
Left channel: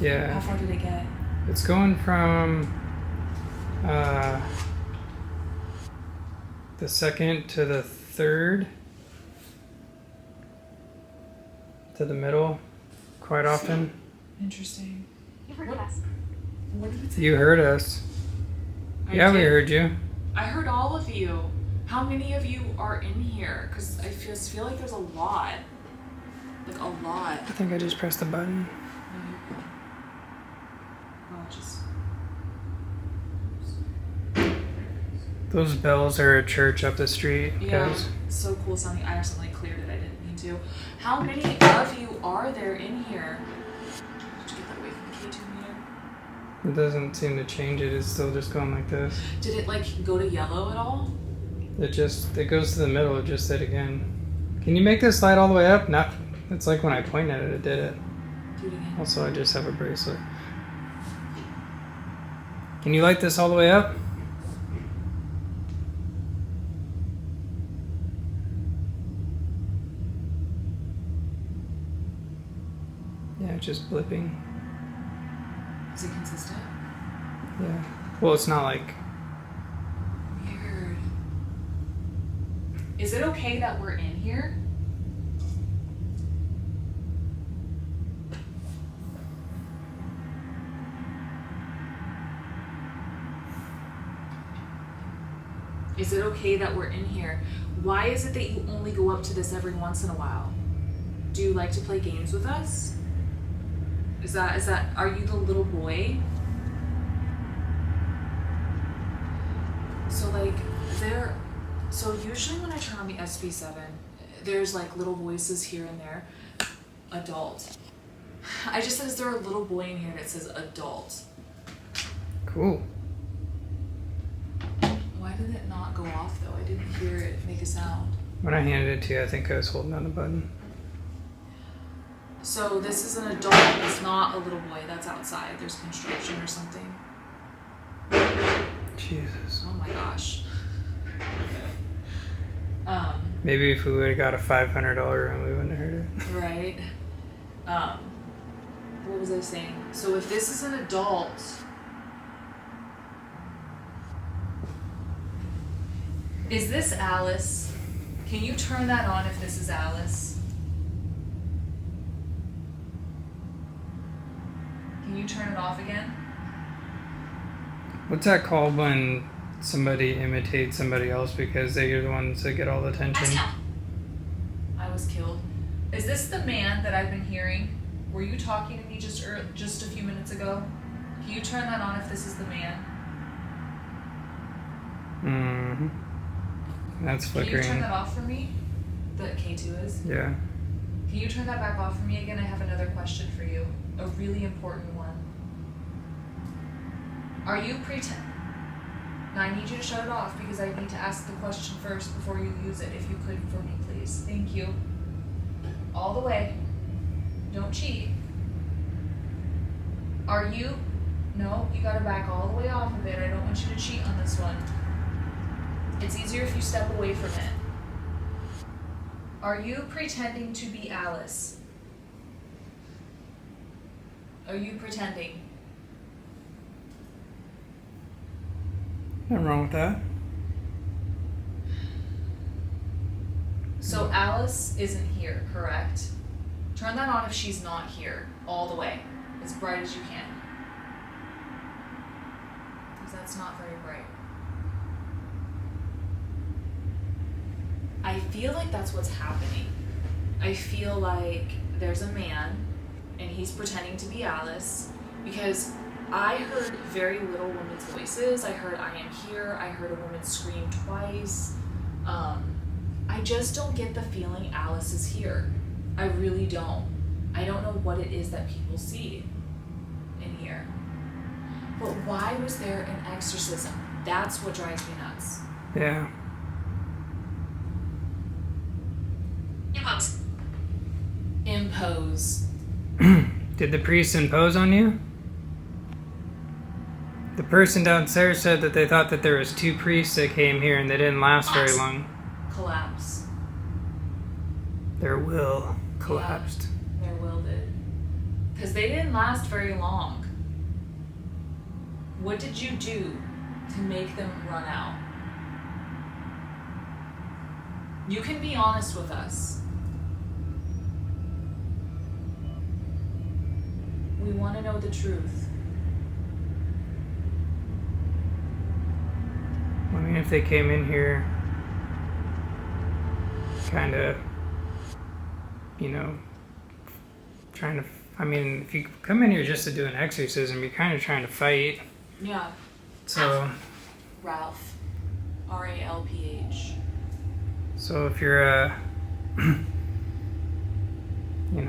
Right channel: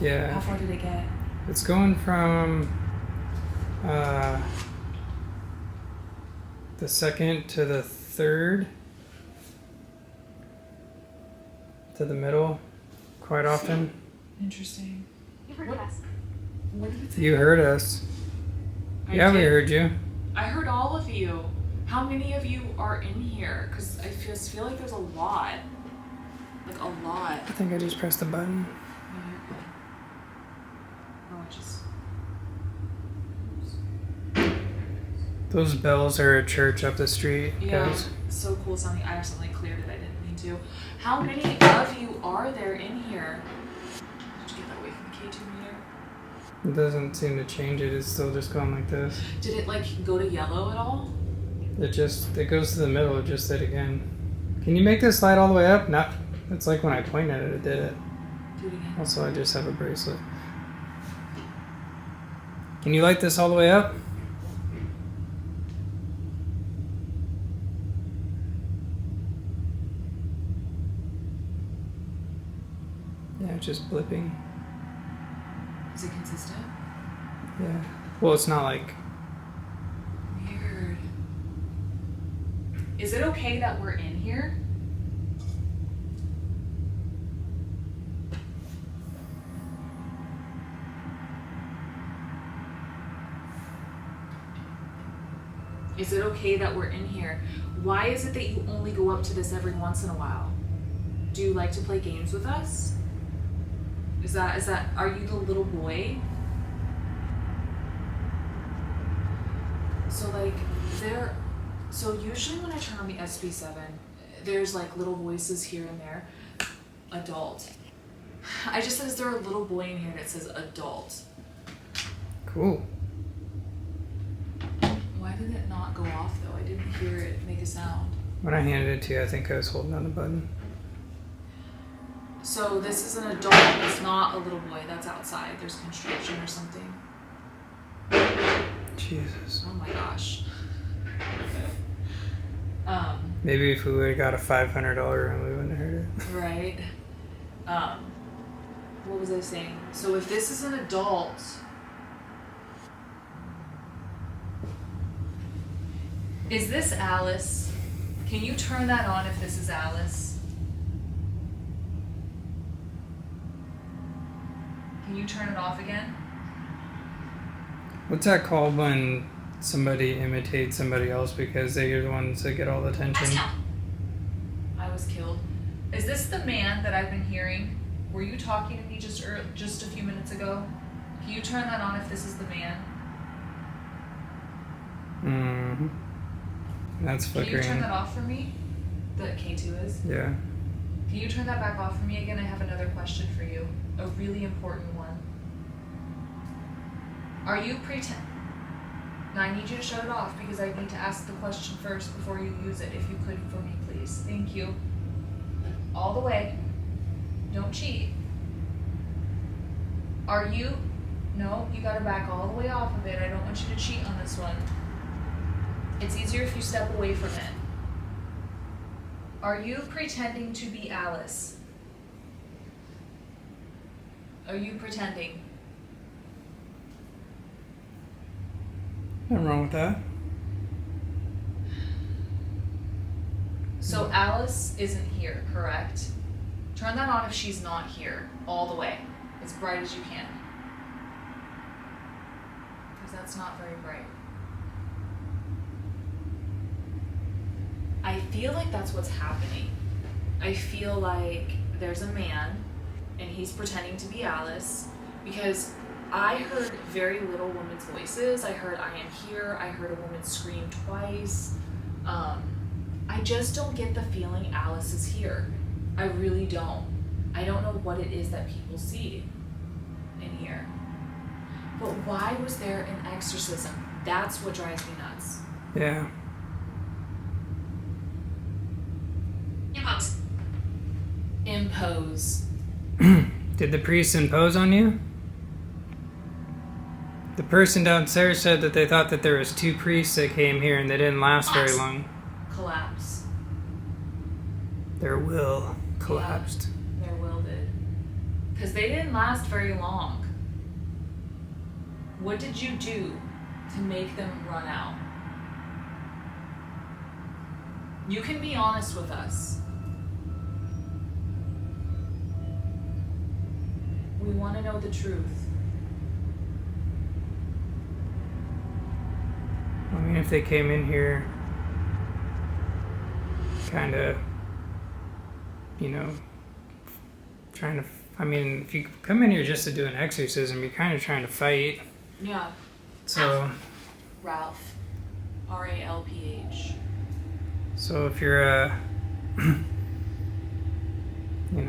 Yeah. How far did it get? It's going from the second to the third to the middle quite often. Interesting. You've heard of us. What did it say? You heard us. I Yeah, we did. heard you. I heard all of you. How many of you are in here? Because I feel like there's a lot. Like a lot. I think I just pressed the button. No, you're good. Oh, I just... Those bells are a church up the street, Yeah, guys. so cool sounding. I accidentally cleared it. I didn't mean to. How many of you are there in here? Did you get that away from the K2 meter? It doesn't seem to change it. It's still just going like this. Did it like go to yellow at all? It goes to the middle. It just did again. Can you make this slide all the way up? Not. It's like when I pointed at it, it did it. Do it again. Also, I just have a bracelet. Can you light this all the way up? Yeah, it's just blipping. Is it consistent? Yeah. Well, it's not like... Weird. Is it okay that we're in here? Is it okay that we're in here? Why is it that you only go up to this every once in a while? Do you like to play games with us? Are you the little boy? So usually when I turn on the SB7, there's like little voices here and there. Adult. I just said, is there a little boy in here that says adult? Cool. Why did it not go off though? I didn't hear it make a sound. When I handed it to you, I think I was holding on the button. So this is an adult. It's not a little boy that's outside. There's construction or something. Jesus. Oh my gosh. Maybe if we would have got a $500 room, we wouldn't have heard it. Right. What was I saying? So if this is an adult, is this Alice? Can you turn that on if this is Alice? Can you turn it off again? What's that called when somebody imitates somebody else because they're the ones that get all the attention? I was killed. Is this the man that I've been hearing? Were you talking to me just a few minutes ago? Can you turn that on if this is the man? Mm-hmm. That's flickering. Can you turn that off for me? The K2 is? Yeah. Can you turn that back off for me again? I have another question for you. A really important one. Are you pretend? Now I need you to shut it off because I need to ask the question first before you use it. If you could for me, please. Thank you. All the way. Don't cheat. Are you... No, you gotta back all the way off of it. I don't want you to cheat on this one. It's easier if you step away from it. Are you pretending to be Alice? Are you pretending? Nothing wrong with that. So Alice isn't here, correct? Turn that on if she's not here, all the way, as bright as you can. Because that's not very bright. I feel like that's what's happening. I feel like there's a man, and he's pretending to be Alice, because I heard very little women's voices. I heard "I am here." I heard a woman scream twice. I just don't get the feeling Alice is here. I really don't. I don't know what it is that people see in here. But why was there an exorcism? That's what drives me nuts. Yeah. Impose. Impose. Did the priest impose on you? The person downstairs said that they thought that there was 2 priests that came here and they didn't last very long. Collapse. Their will collapsed. Yeah, their will did. Because they didn't last very long. What did you do to make them run out? You can be honest with us. We want to know the truth. I mean, if they came in here kind of, trying to... I mean, if you come in here just to do an exorcism, you're kind of trying to fight. Yeah. So... Ralph. R-A-L-P-H. So if you're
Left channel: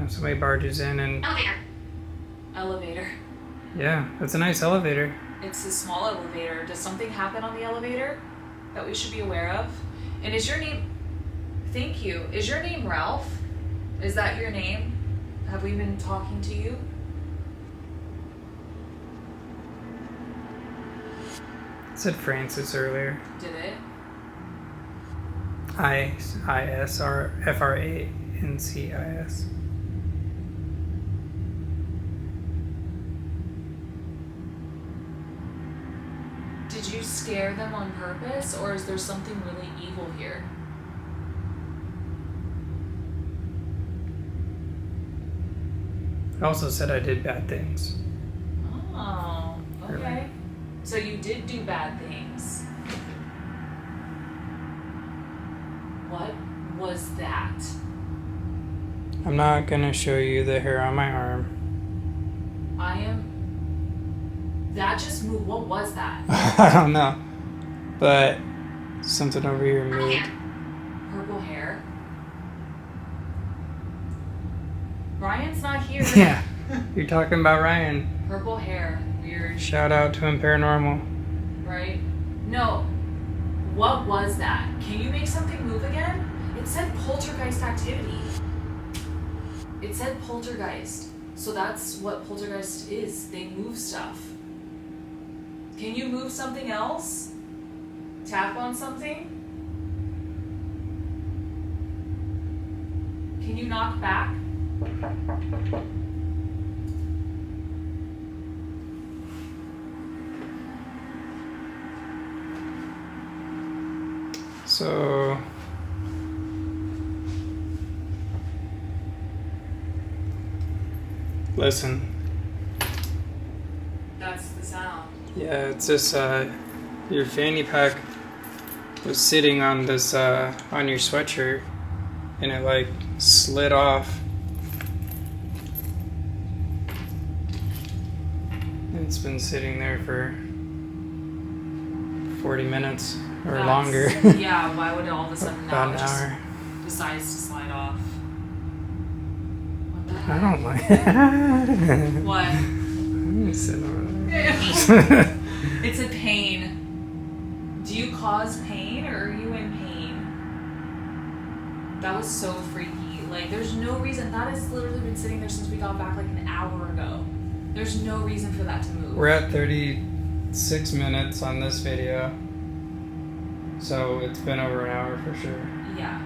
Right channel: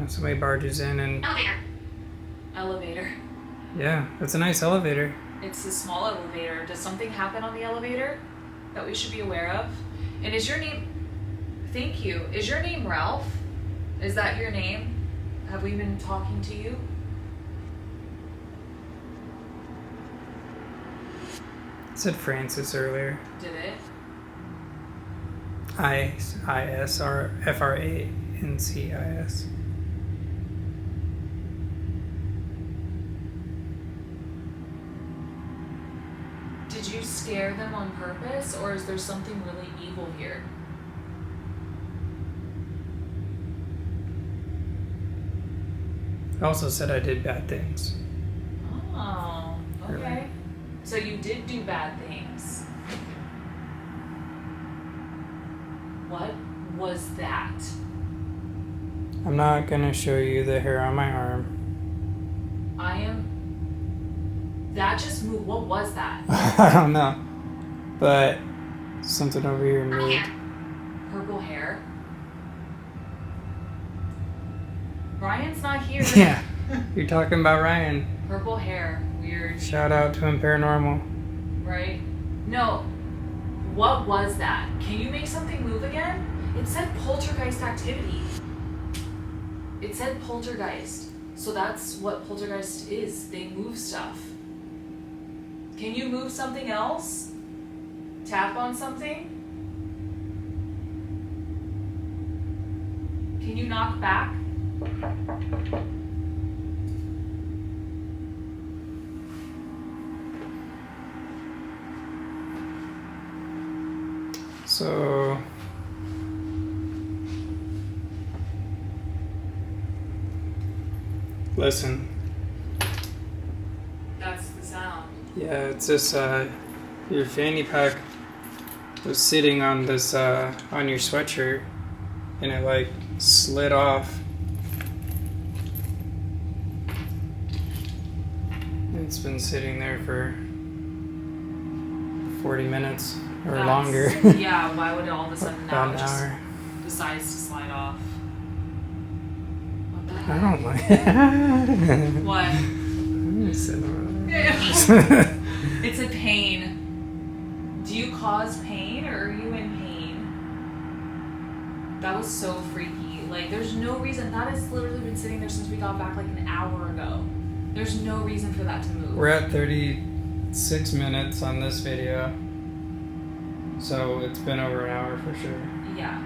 somebody barges in and... Elevator. Elevator. Yeah, that's a nice elevator. It's a small elevator. Does something happen on the elevator that we should be aware of? And is your name... Thank you. Is your name Ralph? Is that your name? Have we been talking to you? It said Francis earlier. Did it? I-S-R-F-R-A-N-C-I-S. Did you scare them on purpose, or is there something really evil here? It also said I did bad things. Oh, okay. Really? So you did do bad things. What was that? I'm not gonna show you the hair on my arm. That just moved. What was that? I don't know. But something over here Purple moved. hair. Purple hair? Ryan's not here. Yeah. You're talking about Ryan. Purple hair. Weird. Shout out to him, Paranormal. Right? No. What was that? Can you make something move again? It said poltergeist activity. It said poltergeist. So that's what poltergeist is. They move stuff. Can you move something else? Tap on something? Can you knock back? So listen. That's the sound. Yeah, it's this your fanny pack was sitting on this on your sweatshirt and it like slid off. It's been sitting there for 40 minutes or longer. Yeah, why would it all of a sudden now About an just hour. decides to slide off? What the I heck? don't like What? I'm sitting over there. It's a pain. Do you cause pain or are you in pain? That was so freaky. Like, there's no reason. That has literally been sitting there since we got back like an hour ago. There's no reason for that to move. We're at 36 minutes on this video. So it's been over an hour for sure. Yeah.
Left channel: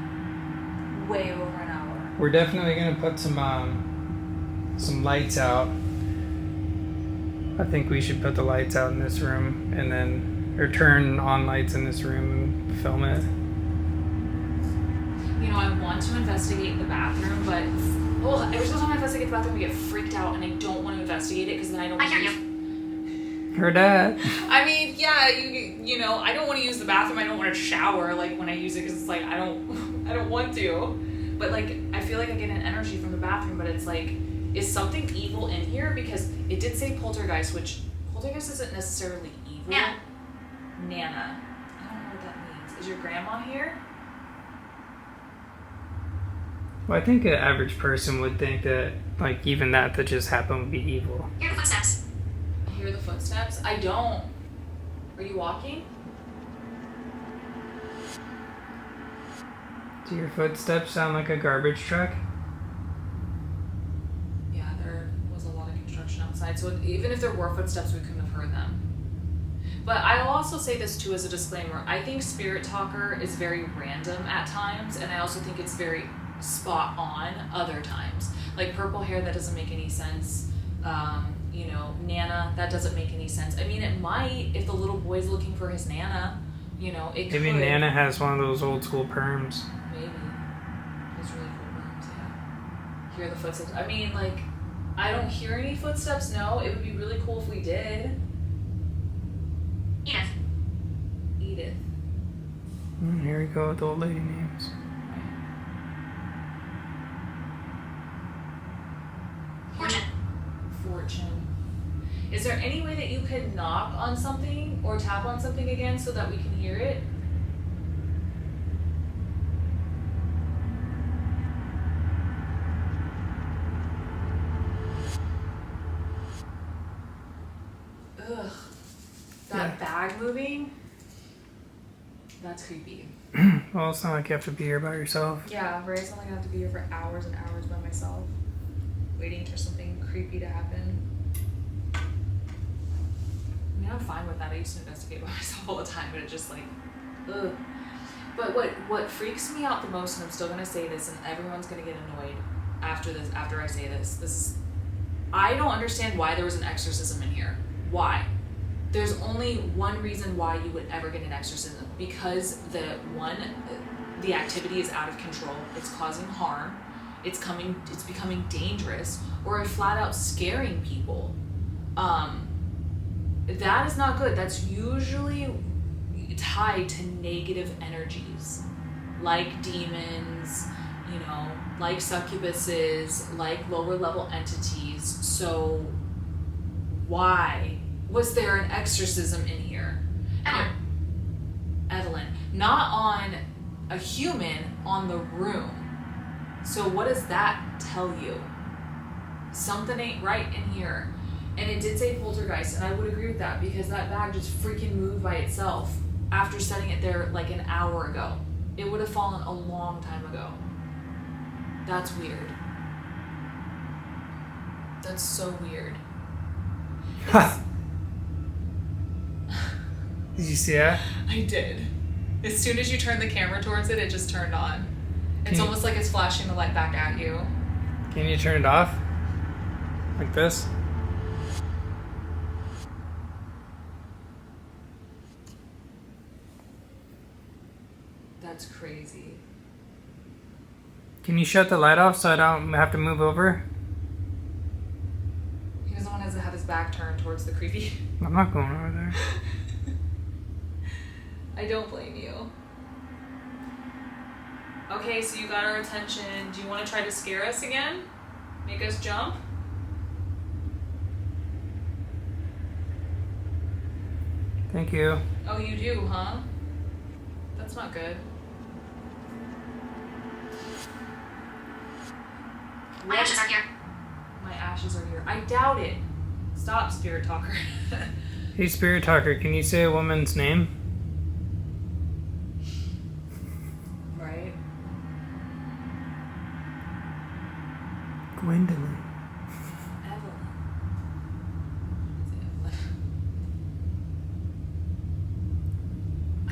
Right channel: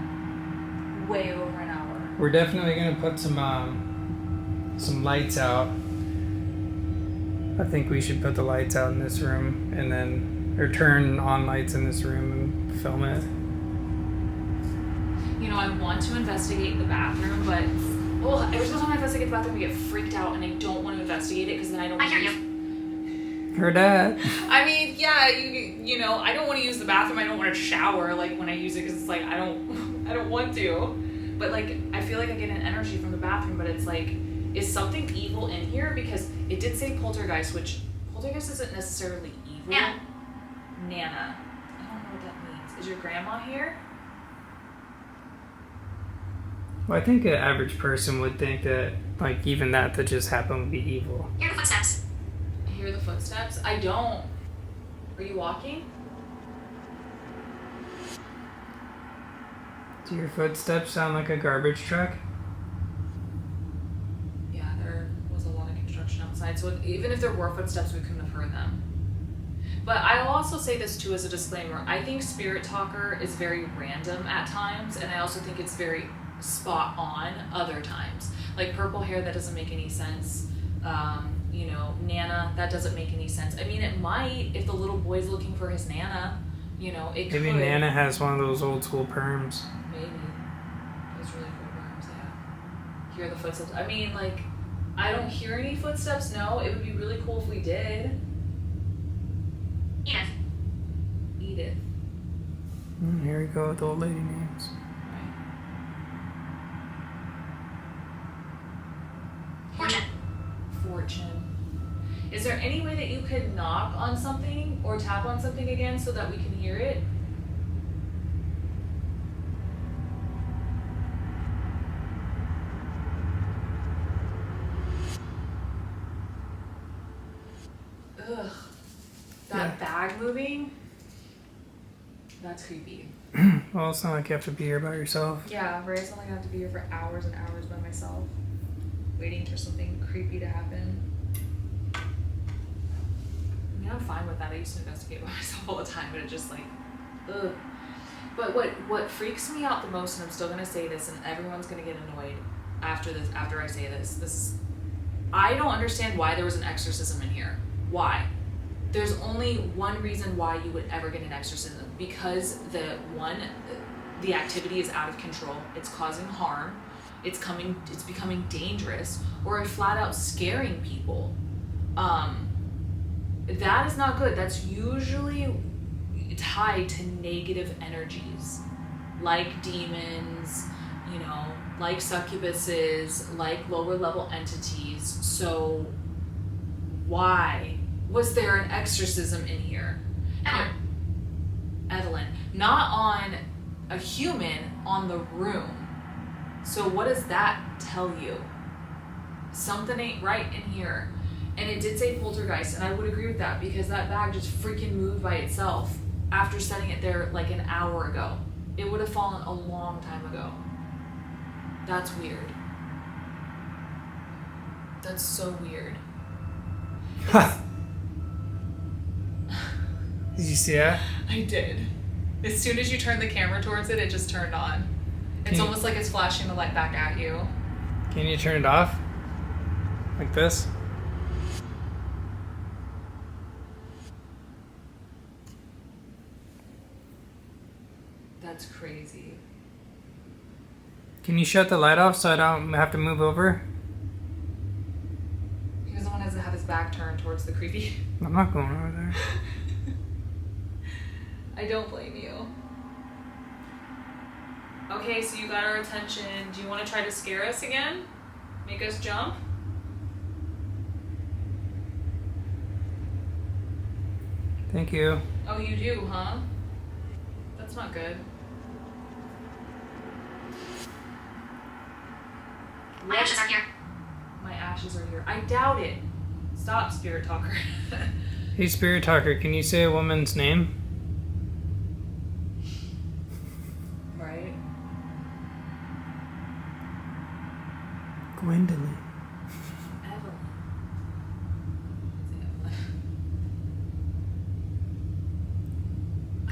Way over an hour. We're definitely gonna put some lights out. I think we should put the lights out in this room and then, or turn on lights in this room and film it. You know, I want to investigate the bathroom, but every single time I investigate the bathroom, I get freaked out and I don't want to investigate it because then I don't. I hear you. Heard that. I mean, yeah, you know, I don't want to use the bathroom. I don't want to shower like when I use it because it's like I don't want to. But like I feel like I get an energy from the bathroom, but it's like, is something evil in here? Because it did say poltergeist, which poltergeist isn't necessarily evil. Nana. Nana. I don't know what that means. Is your grandma here? Well, I think an average person would think that, like, even that just happened would be evil. Hear the footsteps. Hear the footsteps? I don't. Are you walking? Do your footsteps sound like a garbage truck? Yeah, there was a lot of construction outside, so even if there were footsteps, we couldn't have heard them. But I'll also say this too as a disclaimer. I think Spirit Talker is very random at times, and I also think it's very spot on other times. Like purple hair, that doesn't make any sense. You know, Nana, that doesn't make any sense. I mean, it might if the little boy's looking for his Nana. You know, it could. Maybe Nana has one of those old school perms. Maybe. Those really cool worms, yeah. Hear the footsteps. I mean, like, I don't hear any footsteps, no. It would be really cool if we did. Edith. Edith. Here we go with old lady names. Right. Fortune. Fortune. Is there any way that you could knock on something or tap on something again so that we can hear it? Ugh. That bag moving? That's creepy. Well, it's not like you have to be here by yourself. Yeah, right. It's not like I have to be here for hours and hours by myself, waiting for something creepy to happen. I mean, I'm fine with that. I used to investigate by myself all the time, but it just like, ugh. But what freaks me out the most, and I'm still gonna say this, and everyone's gonna get annoyed after this. After I say this, I don't understand why there was an exorcism in here. Why? There's only one reason why you would ever get an exorcism, because the activity is out of control, it's causing harm, it's becoming dangerous, or flat out scaring people. That is not good. That's usually tied to negative energies, like demons, you know, like succubuses, like lower level entities. So why was there an exorcism in here? Evelyn, not on a human, on the room. So what does that tell you? Something ain't right in here. And it did say poltergeist, and I would agree with that, because that bag just freaking moved by itself after setting it there like an hour ago. It would have fallen a long time ago. That's weird. That's so weird. Did you see that? I did. As soon as you turned the camera towards it, it just turned on. It's almost like it's flashing the light back at you. Can you turn it off? Like this? That's crazy. Can you shut the light off so I don't have to move over? He doesn't want to have his back turned towards the creepy. I'm not going over there. I don't blame you. Okay, so you got our attention. Do you want to try to scare us again? Make us jump? Thank you. Oh, you do, huh? That's not good. My ashes are here. My ashes are here. I doubt it. Stop, Spirit Talker. Hey, Spirit Talker, can you say a woman's name? Right? Gwendolyn. Evelyn. Is it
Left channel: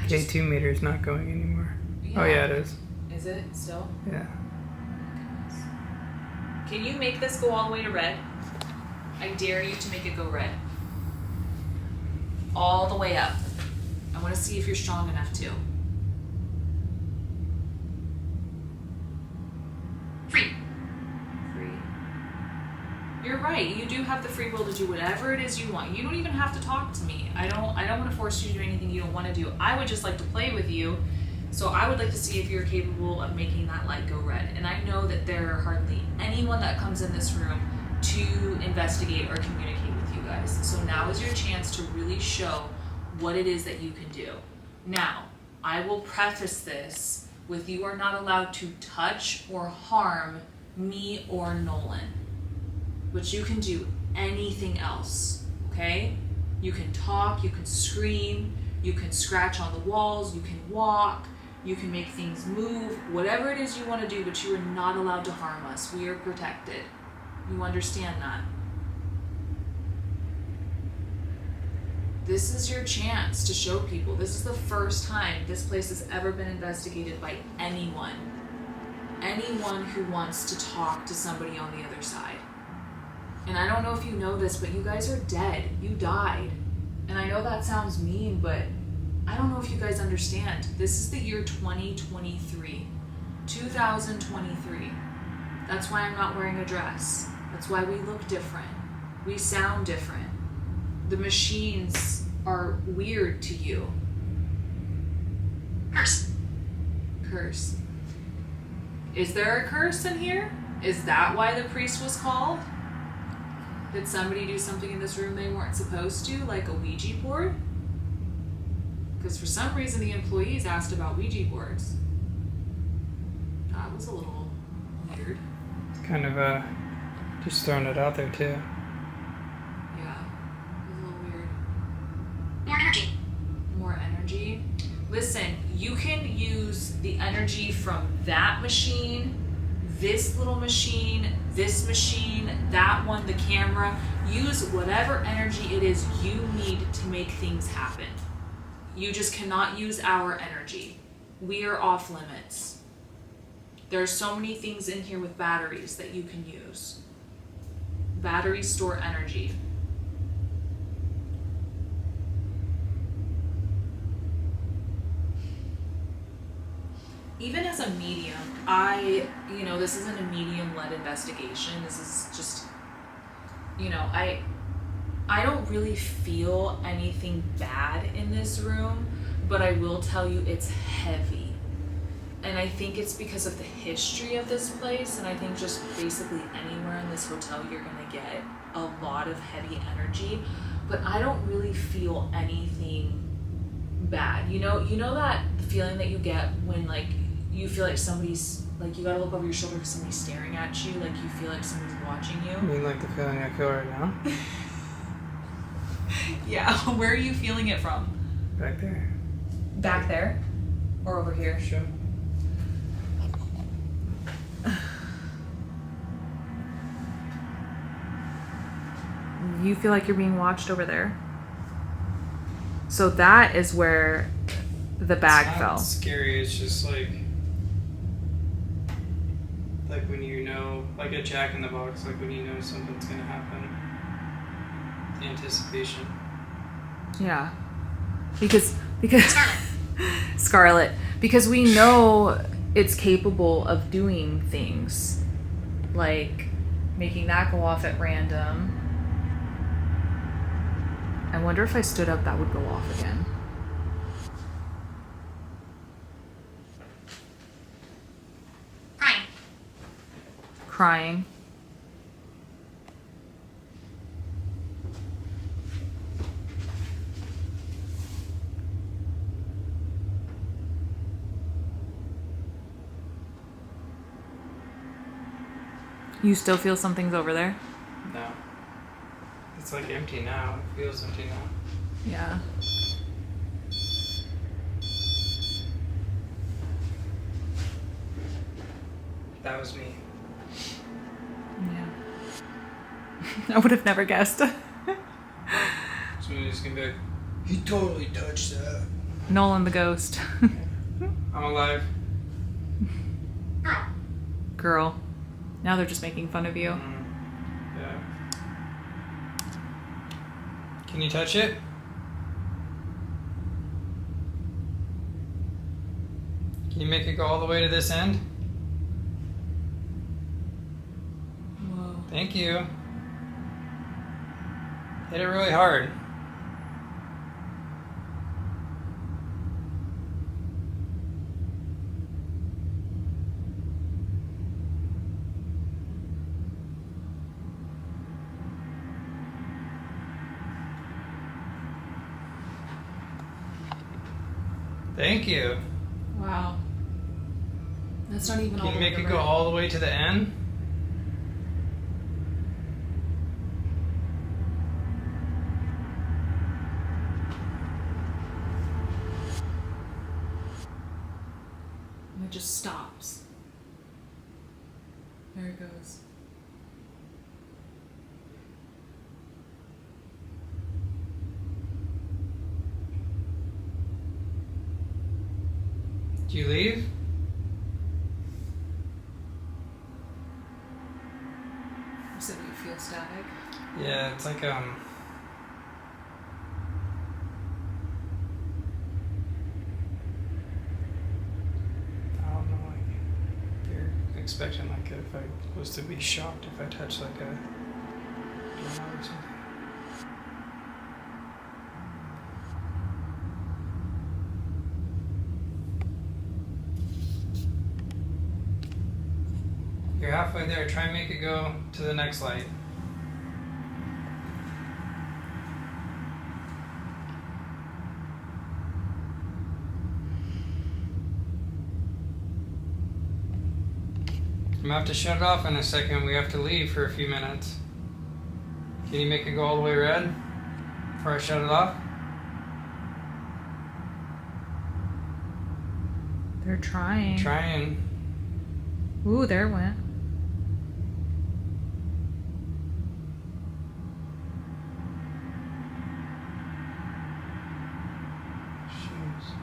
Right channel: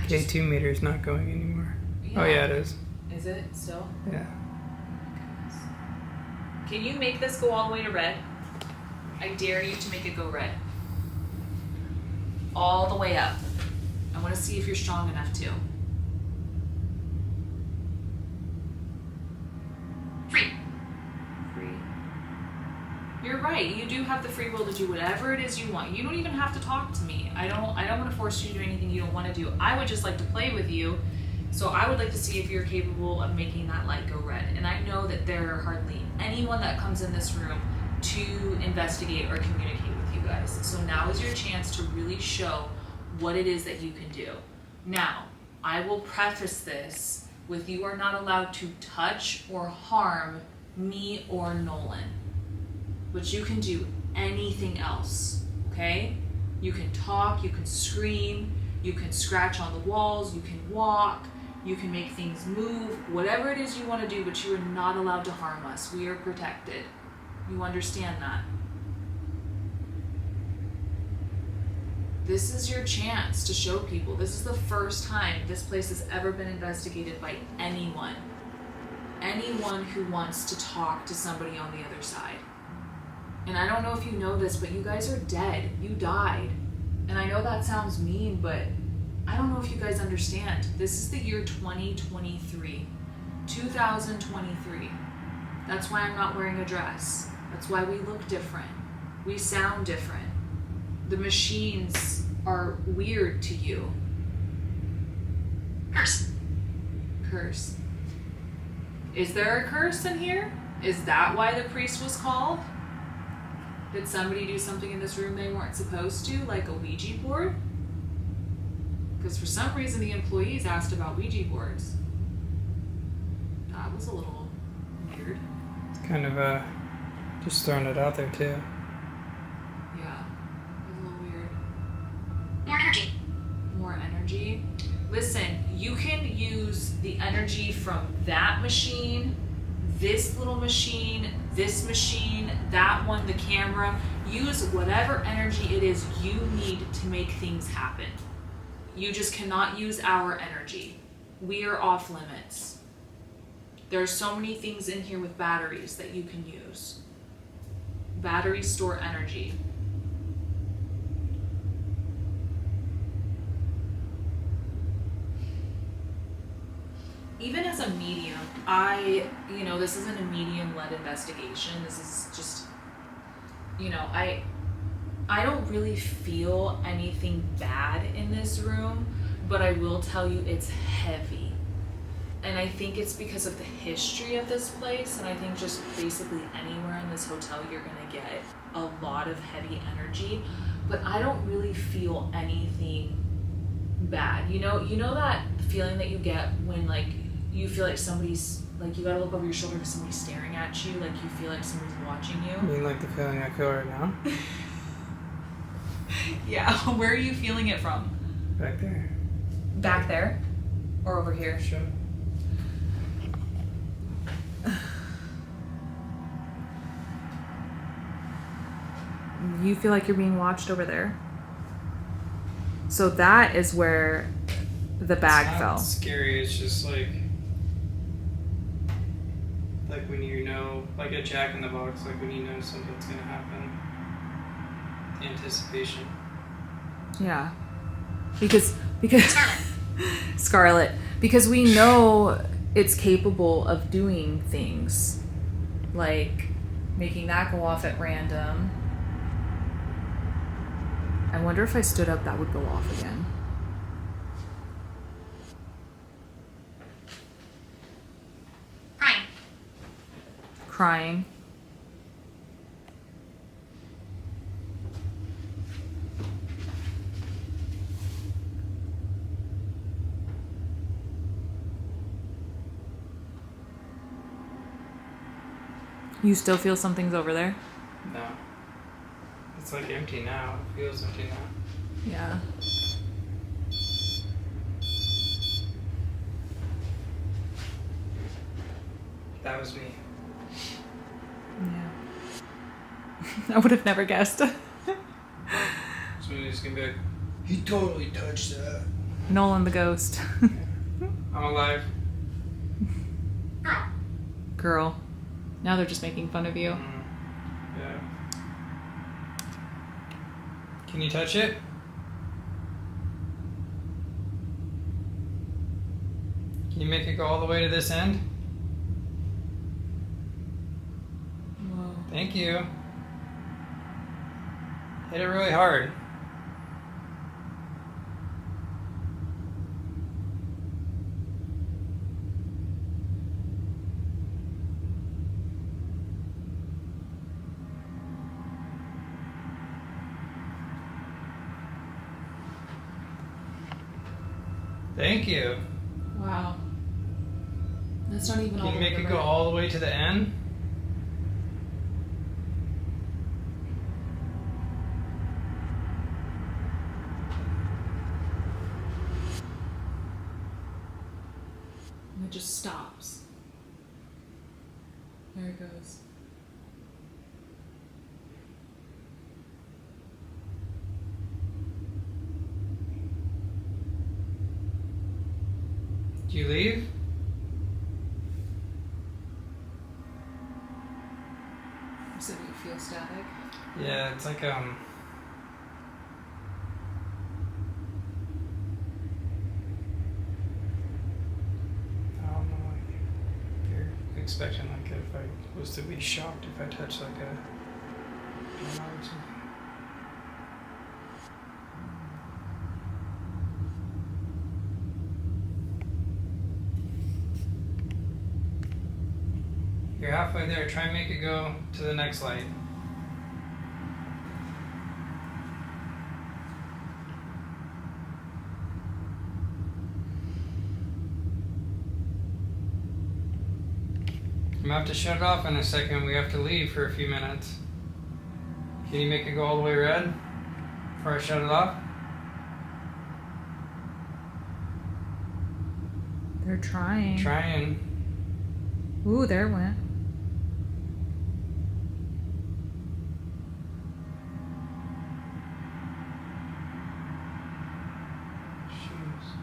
Evelyn? J2 meter's not going anymore. Oh, yeah, it is. Is it still? Yeah. Can you make this go all the way to red? I dare you to make it go red. All the way up. I want to see if you're strong enough to. Free. Free. You're right. You do have the free will to do whatever it is you want. You don't even have to talk to me. I don't want to force you to do anything you don't want to do. I would just like to play with you. So I would like to see if you're capable of making that light go red. And I know that there are hardly anyone that comes in this room to investigate or communicate with you guys. So now is your chance to really show what it is that you can do. Now, I will preface this with you are not allowed to touch or harm me or Nolan. But you can do anything else, okay? You can talk, you can scream, you can scratch on the walls, you can walk, you can make things move, whatever it is you want to do, but you are not allowed to harm us. We are protected. You understand that? This is your chance to show people. This is the first time this place has ever been investigated by anyone. Anyone who wants to talk to somebody on the other side. And I don't know if you know this, but you guys are dead. You died. And I know that sounds mean, but I don't know if you guys understand. This is the year 2023. 2023. That's why I'm not wearing a dress. That's why we look different. We sound different. The machines are weird to you. Curse. Curse. Is there a curse in here? Is that why the priest was called? Did somebody do something in this room they weren't supposed to, like a Ouija board? Because for some reason the employees asked about Ouija boards. That was a little weird. It's kind of just throwing it out there too. Yeah, it was a little weird. More energy. More energy. Listen, you can use the energy from that machine, this little machine, this machine, that one, the camera. Use whatever energy it is you need to make things happen. You just cannot use our energy. We are off limits. There are so many things in here with batteries that you can use. Batteries store energy. Even as a medium, this isn't a medium-led investigation. This is just, I don't really feel anything bad in this room, but I will tell you it's heavy. And I think it's because of the history of this place, and I think just basically anywhere in this hotel you're gonna get a lot of heavy energy, but I don't really feel anything bad. You know that feeling that you get when you feel like somebody's, you gotta look over your shoulder because somebody's staring at you, you feel like somebody's watching you? I mean, like the feeling I feel right now? Yeah, where are you feeling it from? Back there. Back there? Or over here? Sure. You feel like you're being watched over there? So that is where the bag It's fell. not scary. It's just like when you know, like a Jack in the Box, like when you know something's gonna happen. The anticipation. Yeah. Because Scarlet. Scarlet, because we know it's capable of doing things like making that go off at random. I wonder if I stood up, that would go off again. Crying. Crying. You still feel something's over there? No. It's like empty now. It feels empty now. Yeah. That was me. Yeah. I would have never guessed. Somebody's gonna be like, he totally touched that. Nolan the ghost. I'm alive. Girl. Girl. Now they're just making fun of you. Yeah. Can you touch it? Can you make it go all the way to this end? Whoa. Thank you. Hit it really hard. Thank you. Wow. That's not even all Can the you way make it to go right. all the way to the end? And it just stops. There it goes. Do you leave? So do you feel static? Yeah, it's like I don't know, like you're expecting like if I was to be shocked if I touched like a doorknob or something. You're halfway there. Try and make it go to the next light. I'm gonna have to shut it off in a second. We have to leave for a few minutes. Can you make it go all the way red before I shut it off? They're trying. Trying. Ooh, there it went. Jeez.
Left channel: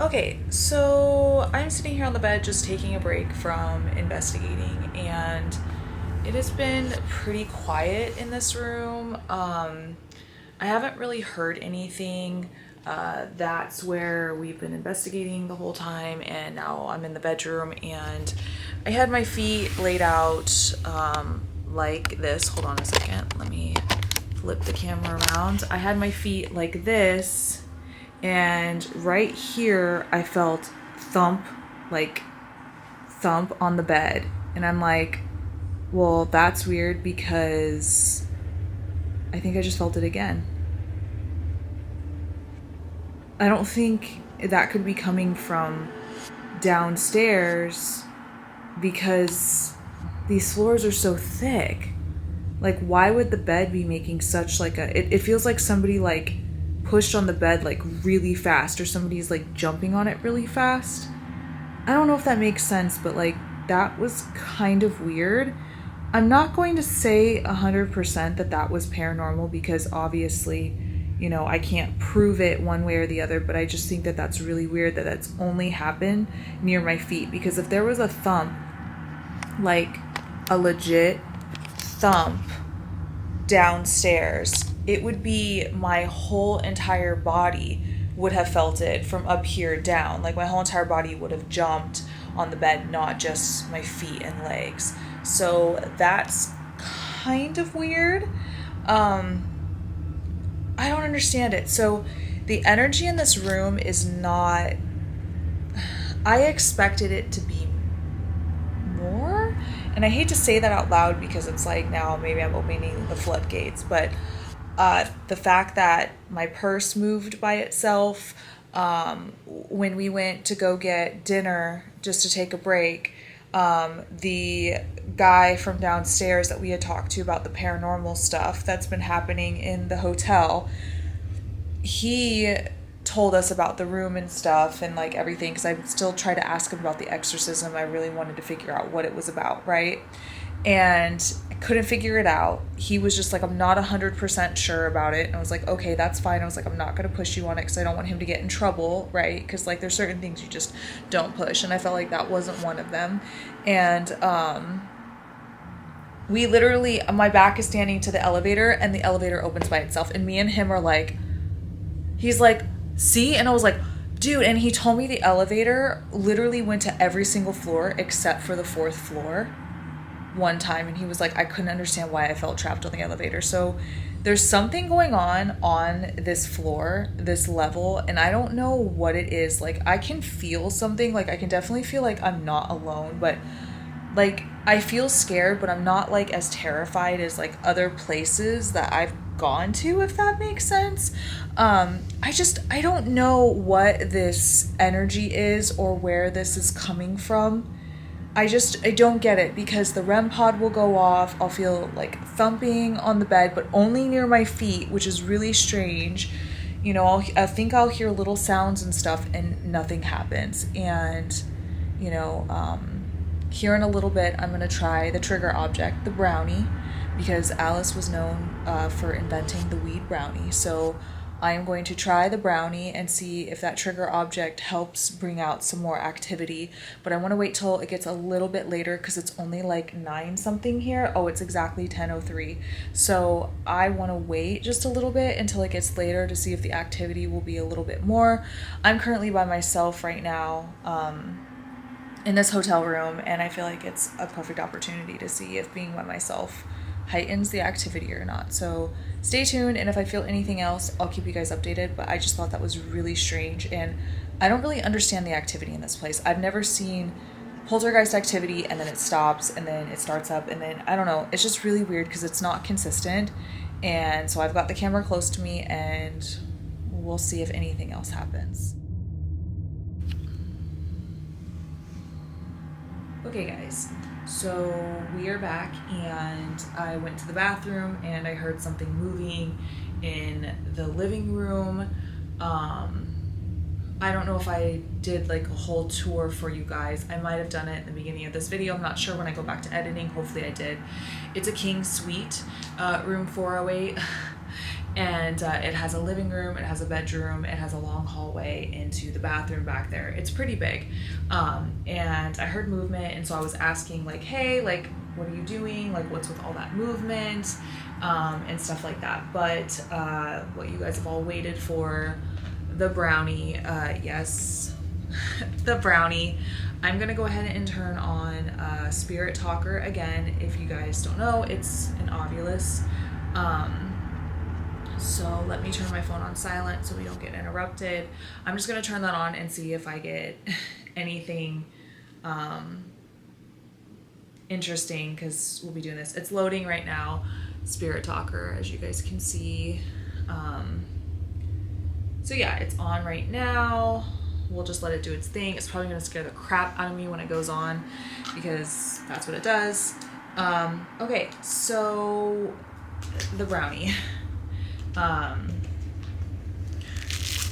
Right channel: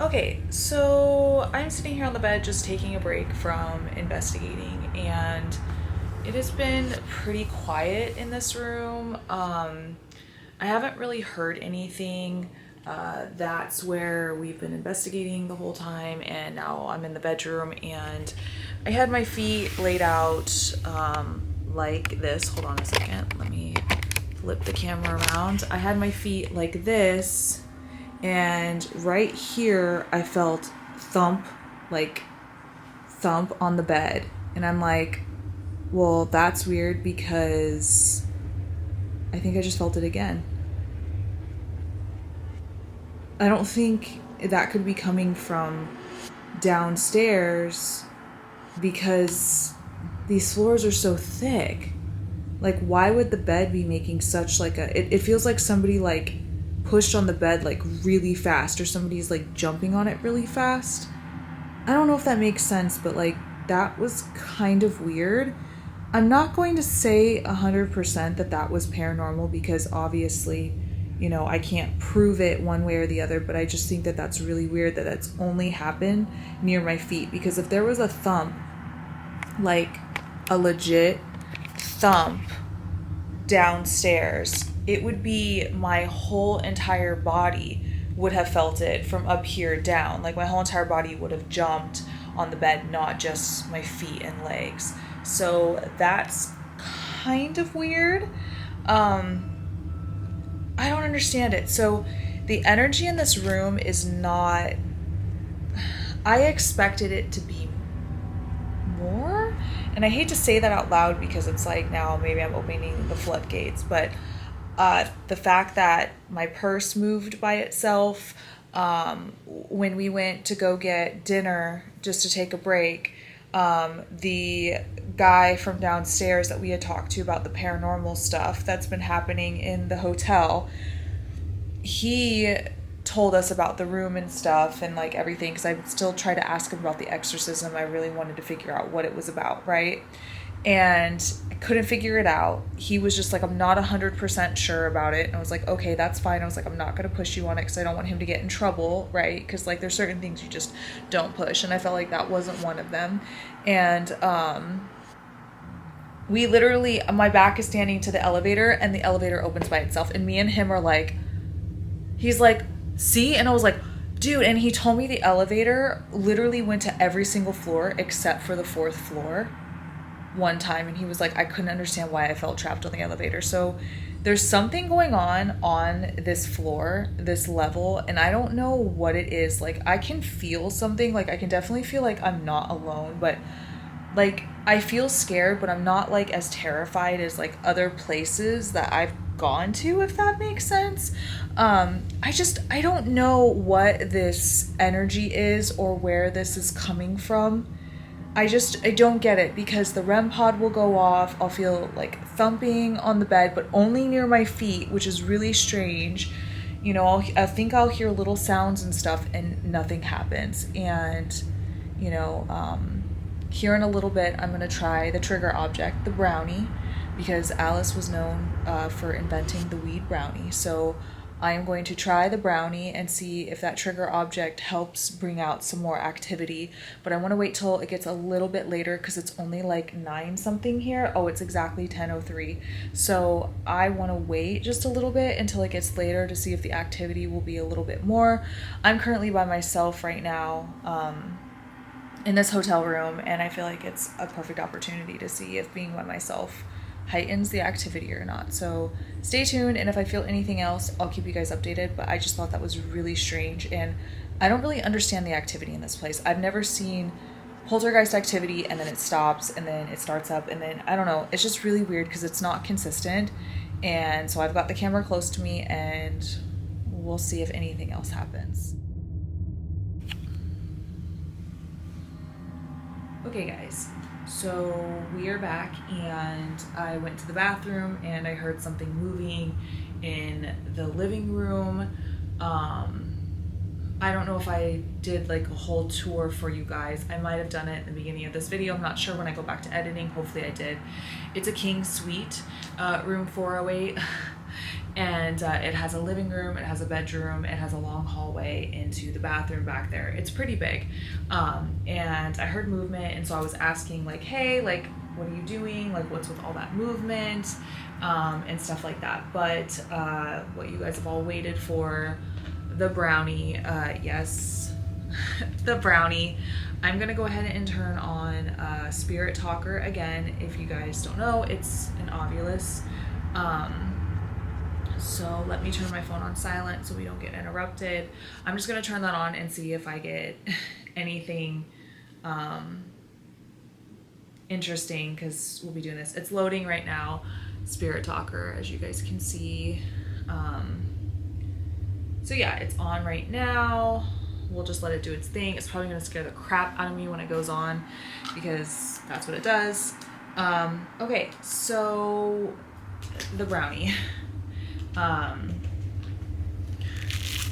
Okay, so I'm sitting here on the bed just taking a break from investigating, and it has been pretty quiet in this room. I haven't really heard anything. That's where we've been investigating the whole time, and now I'm in the bedroom, and I had my feet laid out like this. Hold on a second. Let me flip the camera around. I had my feet like this. And right here, I felt thump on the bed. And I'm like, well, that's weird because I think I just felt it again. I don't think that could be coming from downstairs because these floors are so thick. Like, why would the bed be making such like a... It feels like somebody like pushed on the bed like really fast, or somebody's like jumping on it really fast. I don't know if that makes sense, but like that was kind of weird. I'm not going to say 100% that that was paranormal, because obviously, you know, I can't prove it one way or the other, but I just think that that's really weird that that's only happened near my feet. Because if there was a thump, like a legit thump downstairs, it would be my whole entire body would have felt it from up here down. Like my whole entire body would have jumped on the bed, not just my feet and legs. So that's kind of weird. I don't understand it. So the energy in this room is not, I expected it to be more. And I hate to say that out loud, because it's like now maybe I'm opening the floodgates, but the fact that my purse moved by itself, when we went to go get dinner just to take a break, the guy from downstairs that we had talked to about the paranormal stuff that's been happening in the hotel, he told us about the room and stuff and like everything, because I still tried to ask him about the exorcism. I really wanted to figure out what it was about, right? And I couldn't figure it out. He was just like, I'm not 100% sure about it. And I was like, okay, that's fine. I was like, I'm not going to push you on it because I don't want him to get in trouble, right? Because like there's certain things you just don't push. And I felt like that wasn't one of them. And we literally, my back is standing to the elevator and the elevator opens by itself. And me and him are like, he's like, see? And I was like, dude, and he told me the elevator literally went to every single floor except for the 4th floor one time. And he was like, I couldn't understand why I felt trapped on the elevator. So there's something going on this floor, this level, and I don't know what it is. Like I can feel something, like I can definitely feel like I'm not alone, but like I feel scared, but I'm not like as terrified as like other places that I've gone to, if that makes sense. I don't know what this energy is or where this is coming from. I don't get it, because the REM pod will go off. I'll feel like thumping on the bed, but only near my feet, which is really strange. You know, I think I'll hear little sounds and stuff and nothing happens. And, you know, here in a little bit, I'm going to try the trigger object, the brownie, because Alice was known for inventing the weed brownie. So I am going to try the brownie and see if that trigger object helps bring out some more activity. But I want to wait till it gets a little bit later, because it's only like 9 something here. Oh, it's exactly 10:03. So I want to wait just a little bit until it gets later to see if the activity will be a little bit more. I'm currently by myself right now in this hotel room, and I feel like it's a perfect opportunity to see if being by myself heightens the activity or not. So stay tuned, and if I feel anything else, I'll keep you guys updated. But I just thought that was really strange, and I don't really understand the activity in this place. I've never seen poltergeist activity and then it stops and then it starts up, and then I don't know, it's just really weird because it's not consistent. And so I've got the camera close to me, and we'll see if anything else happens. Okay guys, so we are back, and I went to the bathroom and I heard something moving in the living room. I don't know if I did like a whole tour for you guys. I might have done it in the beginning of this video. I'm not sure when I go back to editing. Hopefully I did. It's a king suite, room 408. And it has a living room, it has a bedroom, it has a long hallway into the bathroom back there. It's pretty big. And I heard movement, and so I was asking like, hey, like, what are you doing? Like, what's with all that movement? And stuff like that. But what you guys have all waited for, the brownie, yes, the brownie. I'm gonna go ahead and turn on Spirit Talker again. If you guys don't know, it's an Ovilus. So let me turn my phone on silent so we don't get interrupted. I'm just gonna turn that on and see if I get anything interesting, because we'll be doing this. It's loading right now, Spirit Talker, as you guys can see. So yeah, it's on right now. We'll just let it do its thing. It's probably gonna scare the crap out of me when it goes on, because that's what it does. Okay, so the brownie.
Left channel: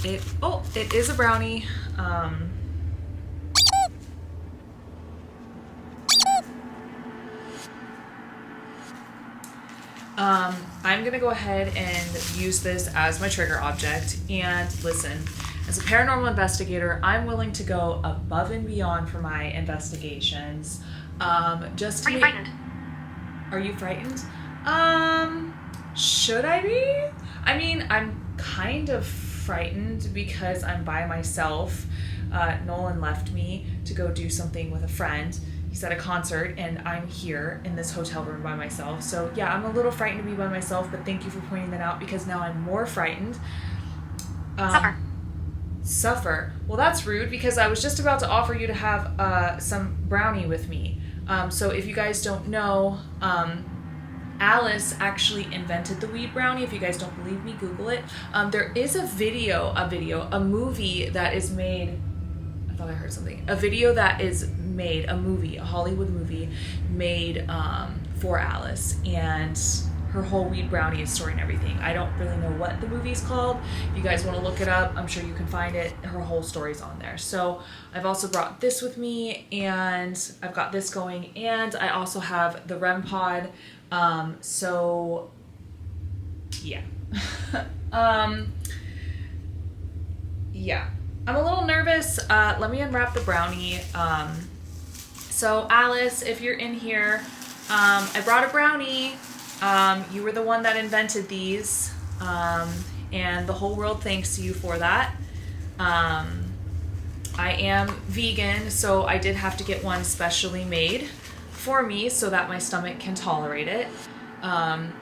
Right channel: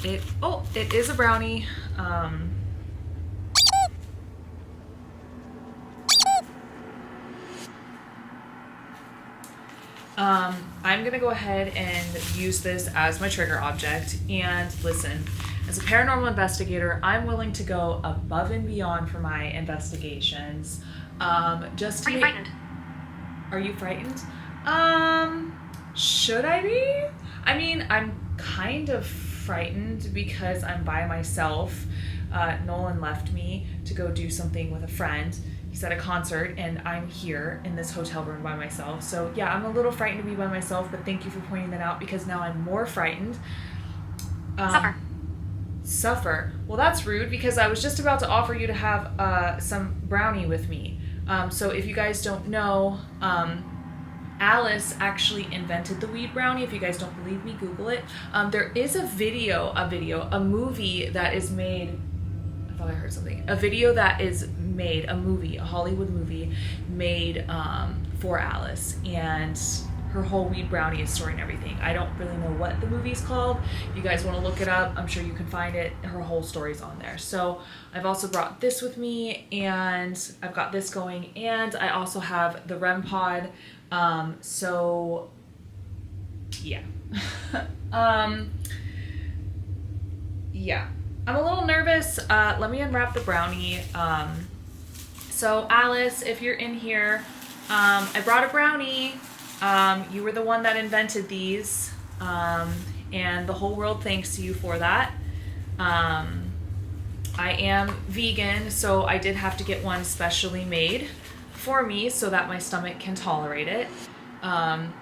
It is a brownie. I'm gonna go ahead and use this as my trigger object. And listen, as a paranormal investigator, I'm willing to go above and beyond for my investigations. Just to Are you make... frightened? Are you frightened? Should I be? I mean, I'm kind of frightened because I'm by myself. Nolan left me to go do something with a friend. He's at a concert and I'm here in this hotel room by myself. So yeah, I'm a little frightened to be by myself, but thank you for pointing that out because now I'm more frightened. Suffer. Well, that's rude because I was just about to offer you to have some brownie with me. So if you guys don't know, Alice actually invented the weed brownie. If you guys don't believe me, Google it. There is a movie that is made. I thought I heard something. A video that is made, a movie, a Hollywood movie made for Alice, and her whole weed brownie is story and everything. I don't really know what the movie's called. If you guys want to look it up, I'm sure you can find it. Her whole story's on there. So I've also brought this with me, and I've got this going, and I also have the REM pod. So yeah. Yeah. I'm a little nervous. Let me unwrap the brownie. So Alice, if you're in here, I brought a brownie. You were the one that invented these, and the whole world thanks you for that. I am vegan, so I did have to get one specially made for me so that my stomach can tolerate it.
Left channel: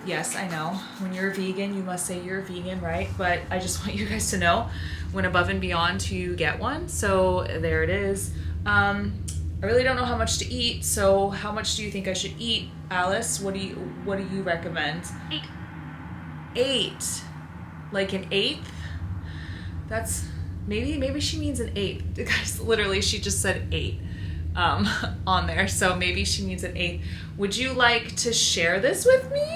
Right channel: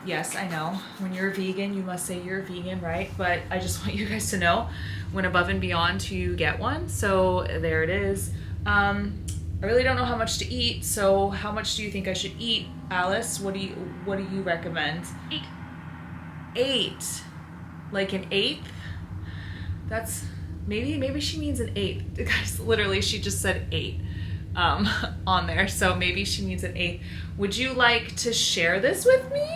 Yes, I know. When you're a vegan, you must say you're a vegan, right? But I just want you guys to know, went above and beyond to get one. So there it is. I really don't know how much to eat. So how much do you think I should eat, Alice? What do you recommend? 8. 8, like an eighth? That's maybe she means an eighth. Guys, literally, she just said 8. On there, so maybe she means an 8. Would you like to share this with me?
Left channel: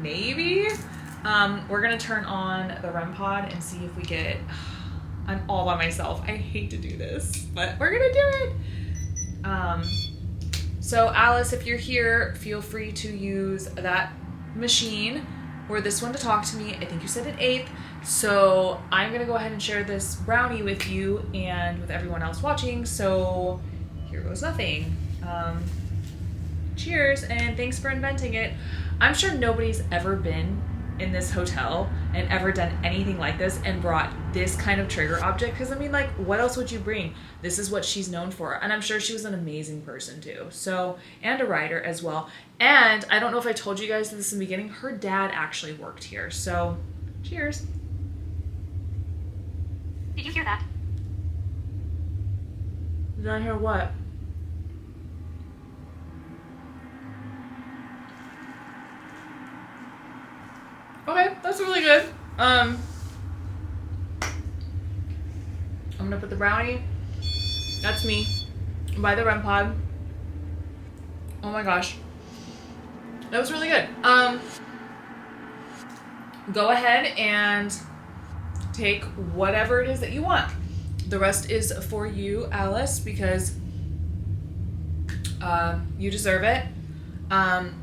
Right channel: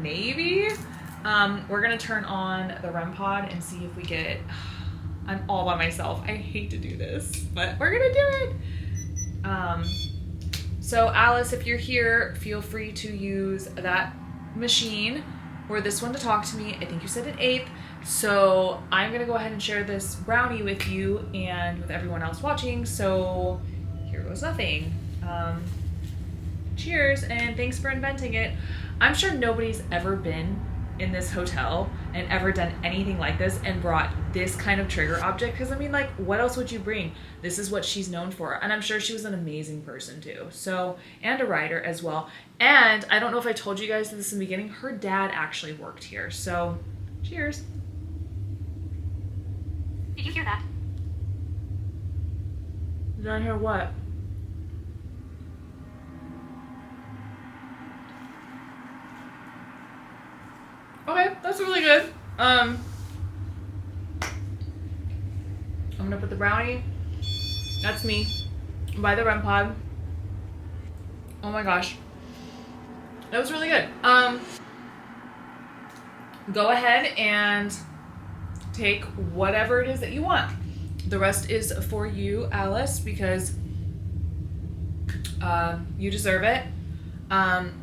Maybe. We're gonna turn on the REM pod and see if we get. I'm all by myself. I hate to do this, but we're gonna do it. So Alice, if you're here, feel free to use that machine or this one to talk to me. I think you said an 8th. So I'm gonna go ahead and share this brownie with you and with everyone else watching. So here goes nothing. Cheers, and thanks for inventing it. I'm sure nobody's ever been in this hotel and ever done anything like this and brought this kind of trigger object, because I mean, like, what else would you bring? This is what she's known for, and I'm sure she was an amazing person too. So, and a writer as well. And I don't know if I told you guys this in the beginning, her dad actually worked here. So cheers. Did you hear that? Did I hear what? Okay, that's really good. I'm gonna put the brownie. That's me. By the REM pod. Oh my gosh. That was really good. Go ahead and take whatever it is that you want. The rest is for you, Alice, because you deserve it.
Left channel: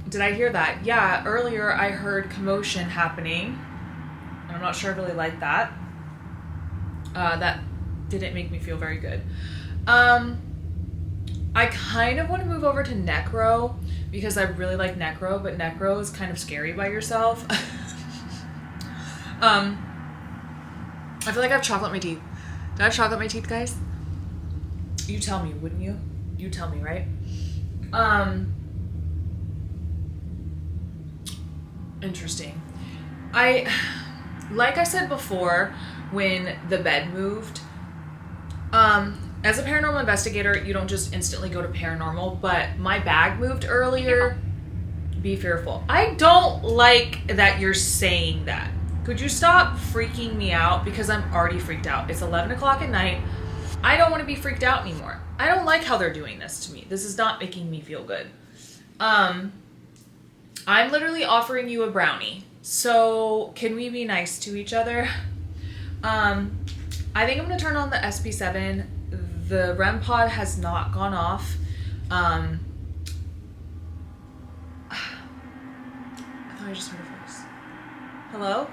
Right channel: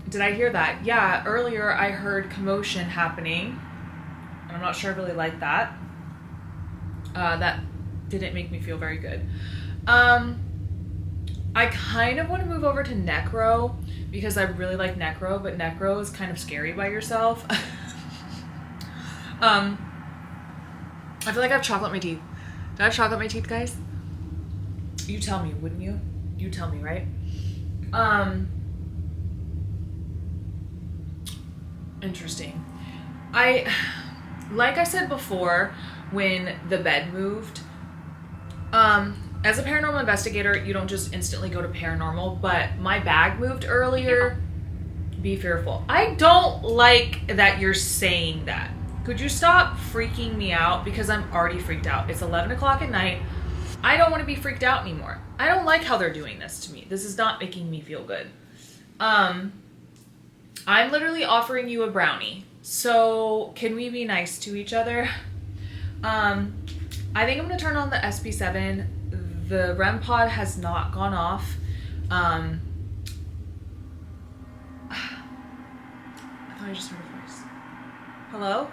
Did I hear that? Yeah, earlier I heard commotion happening, and I'm not sure I really like that. That didn't make me feel very good. I kind of want to move over to Necro because I really like Necro, but Necro is kind of scary by yourself. I feel like I have chocolate in my teeth. Did I have chocolate in my teeth, guys? You tell me, wouldn't you? You tell me, right? Interesting. Like I said before, when the bed moved, as a paranormal investigator, you don't just instantly go to paranormal, but my bag moved earlier. Be fearful. I don't like that you're saying that. Could you stop freaking me out? Because I'm already freaked out. It's 11 o'clock at night. I don't want to be freaked out anymore. I don't like how they're doing this to me. This is not making me feel good. I'm literally offering you a brownie. So can we be nice to each other? I think I'm gonna turn on the SP7. The REM pod has not gone off. I thought I just heard a voice. Hello?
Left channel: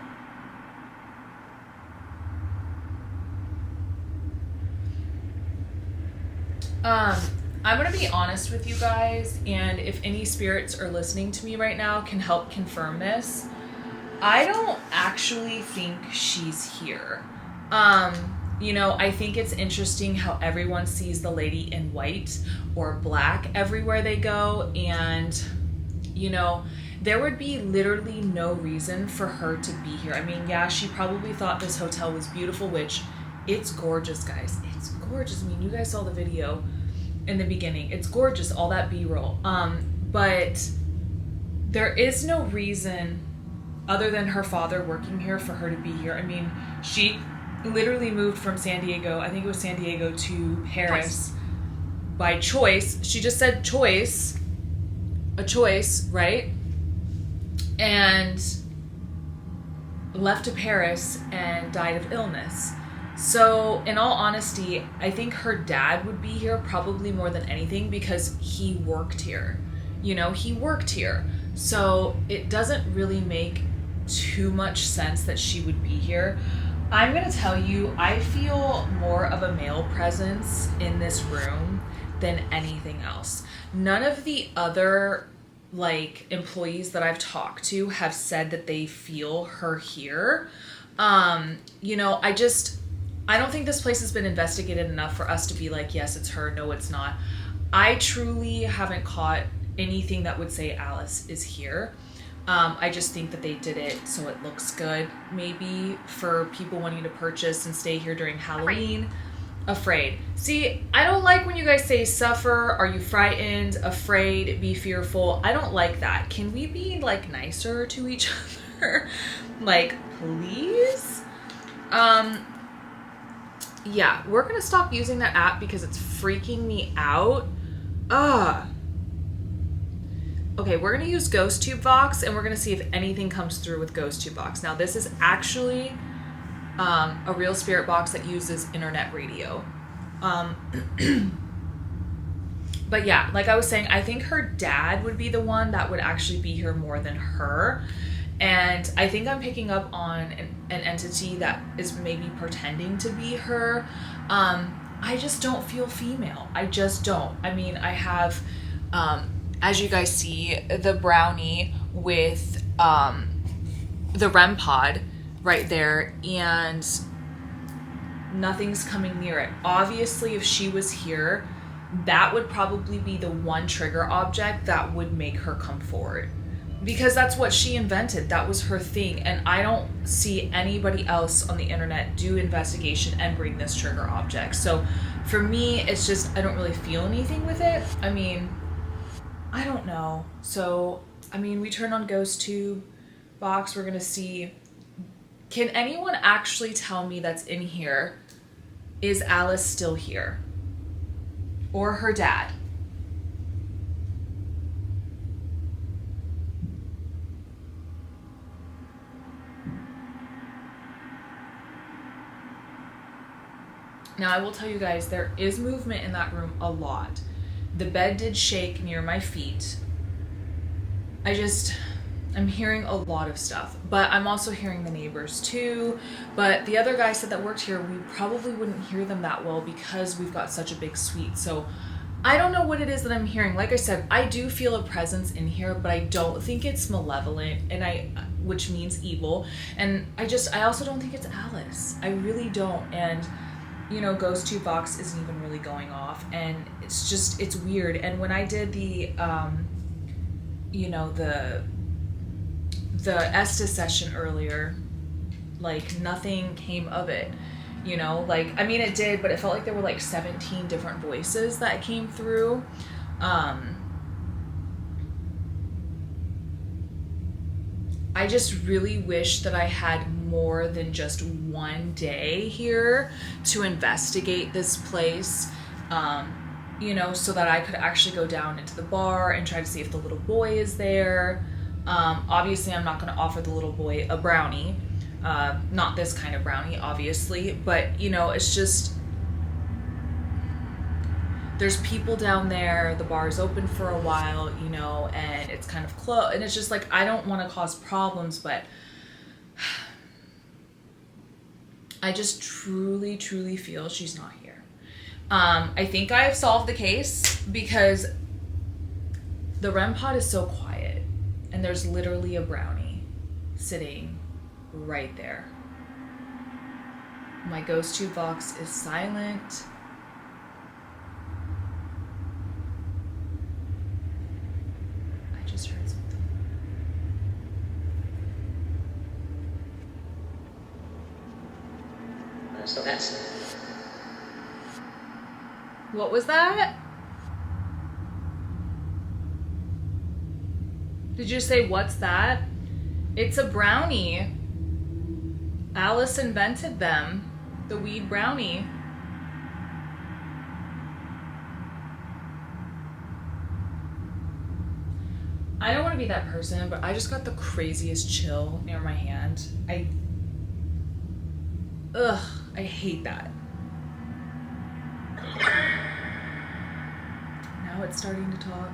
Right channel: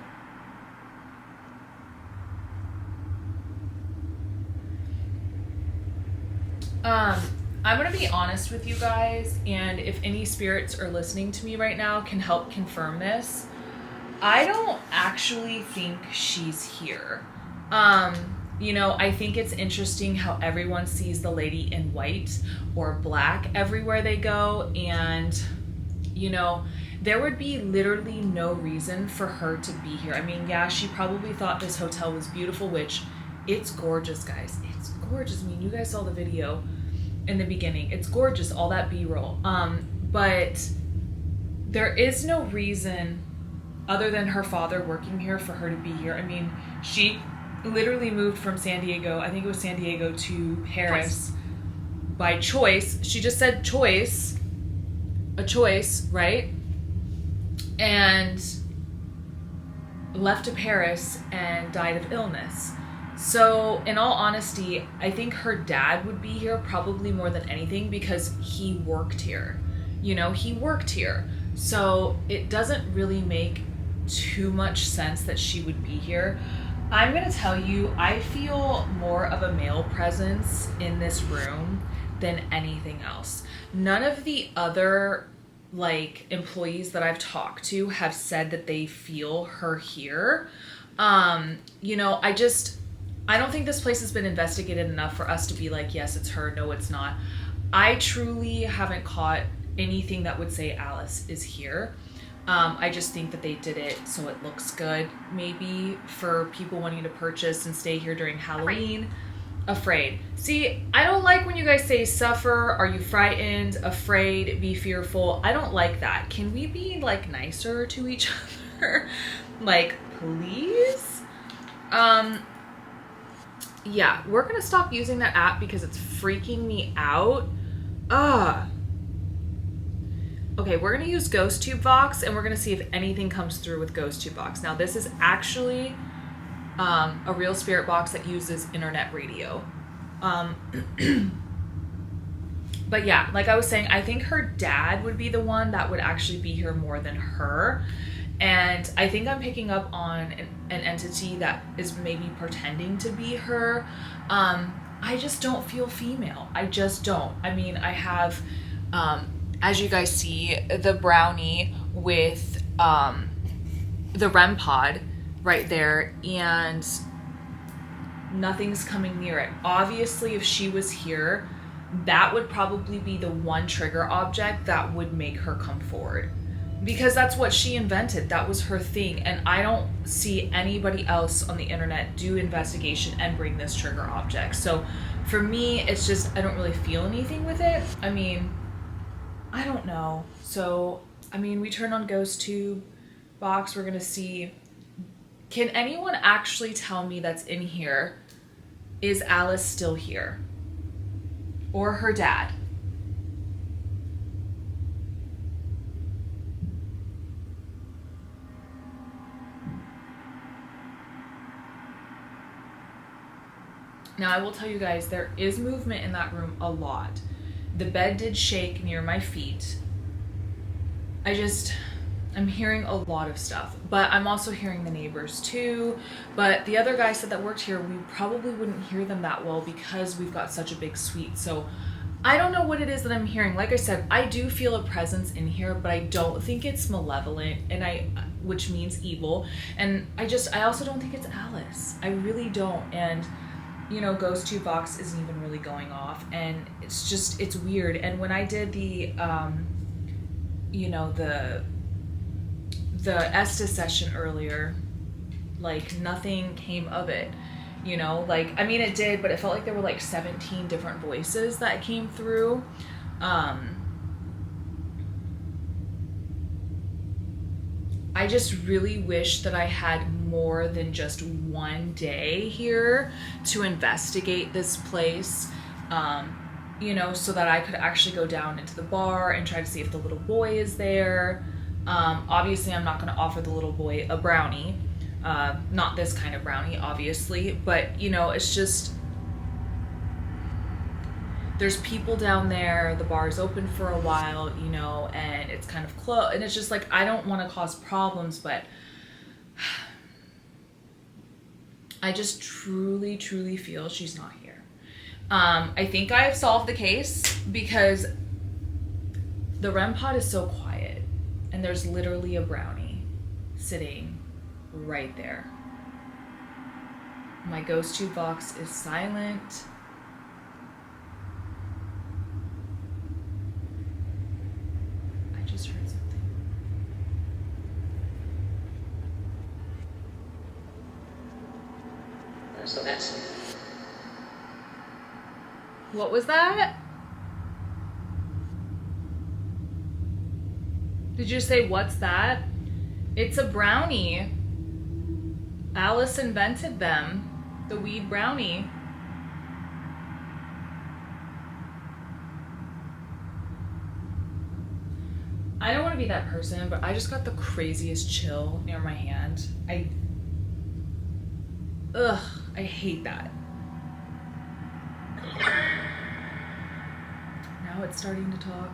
I'm gonna be honest with you guys, and if any spirits are listening to me right now can help confirm this. I don't actually think she's here. You know, I think it's interesting how everyone sees the lady in white or black everywhere they go, and, you know, there would be literally no reason for her to be here. I mean, yeah, she probably thought this hotel was beautiful, which it's gorgeous, guys. It's gorgeous. I mean, you guys saw the video in the beginning. It's gorgeous, all that B-roll. But there is no reason other than her father working here for her to be here. I mean, she literally moved from San Diego, I think it was San Diego, to Paris by choice. She just said choice, a choice, right? And left to Paris and died of illness. So, in all honesty, I think her dad would be here probably more than anything because he worked here. You know, he worked here. So, it doesn't really make too much sense that she would be here. I'm going to tell you, I feel more of a male presence in this room than anything else. None of the other employees that I've talked to have said that they feel her here. You know, I don't think this place has been investigated enough for us to be like, yes, it's her, no, it's not. I truly haven't caught anything that would say Alice is here. I just think that they did it so it looks good, maybe, for people wanting to purchase and stay here during Halloween. Afraid. See, I don't like when you guys say suffer, are you frightened, afraid, be fearful. I don't like that. Can we be, nicer to each other? Please? Yeah, we're gonna stop using that app because it's freaking me out. Okay, we're gonna use GhostTube Vox, and we're gonna see if anything comes through with GhostTube Vox. Now, this is actually a real spirit box that uses internet radio. But yeah, like I was saying, I think her dad would be the one that would actually be here more than her. And I think I'm picking up on an entity that is maybe pretending to be her. I just don't feel female. I just don't. I mean, I have, as you guys see, the brownie with the REM pod right there, and nothing's coming near it. Obviously, if she was here, that would probably be the one trigger object that would make her come forward. Because that's what she invented. That was her thing. And I don't see anybody else on the internet do investigation and bring this trigger object. So for me, it's just, I don't really feel anything with it. I mean, I don't know. So, I mean, we turn on GhostTube Box. We're going to see, can anyone actually tell me that's in here, is Alice still here? Or her dad? Now, I will tell you guys, there is movement in that room a lot. The bed did shake near my feet. I'm hearing a lot of stuff, but I'm also hearing the neighbors too. But the other guy said that worked here, we probably wouldn't hear them that well because we've got such a big suite. So I don't know what it is that I'm hearing. Like I said, I do feel a presence in here, but I don't think it's malevolent, which means evil. And I also don't think it's Alice. I really don't. And you know, GhostTube Box isn't even really going off, and it's weird. And when I did the Estes session earlier, nothing came of it, you know, I mean, it did, but it felt like there were 17 different voices that came through. I just really wish that I had more than just one day here to investigate this place, you know, so that I could actually go down into the bar and try to see if the little boy is there. Obviously, I'm not going to offer the little boy a brownie, Not this kind of brownie, obviously, but you know, it's just, there's people down there, the bar's open for a while, you know, and it's kind of close, and it's just like, I don't want to cause problems, but I just truly, truly feel she's not here. I think I have solved the case because the REM pod is so quiet, and there's literally a brownie sitting right there. My ghost tube box is silent. I just heard something. So that's... What was that? Did you say, what's that? It's a brownie. Alice invented them. The weed brownie. I don't want to be that person, but I just got the craziest chill near my hand. I hate that. Now it's starting to talk.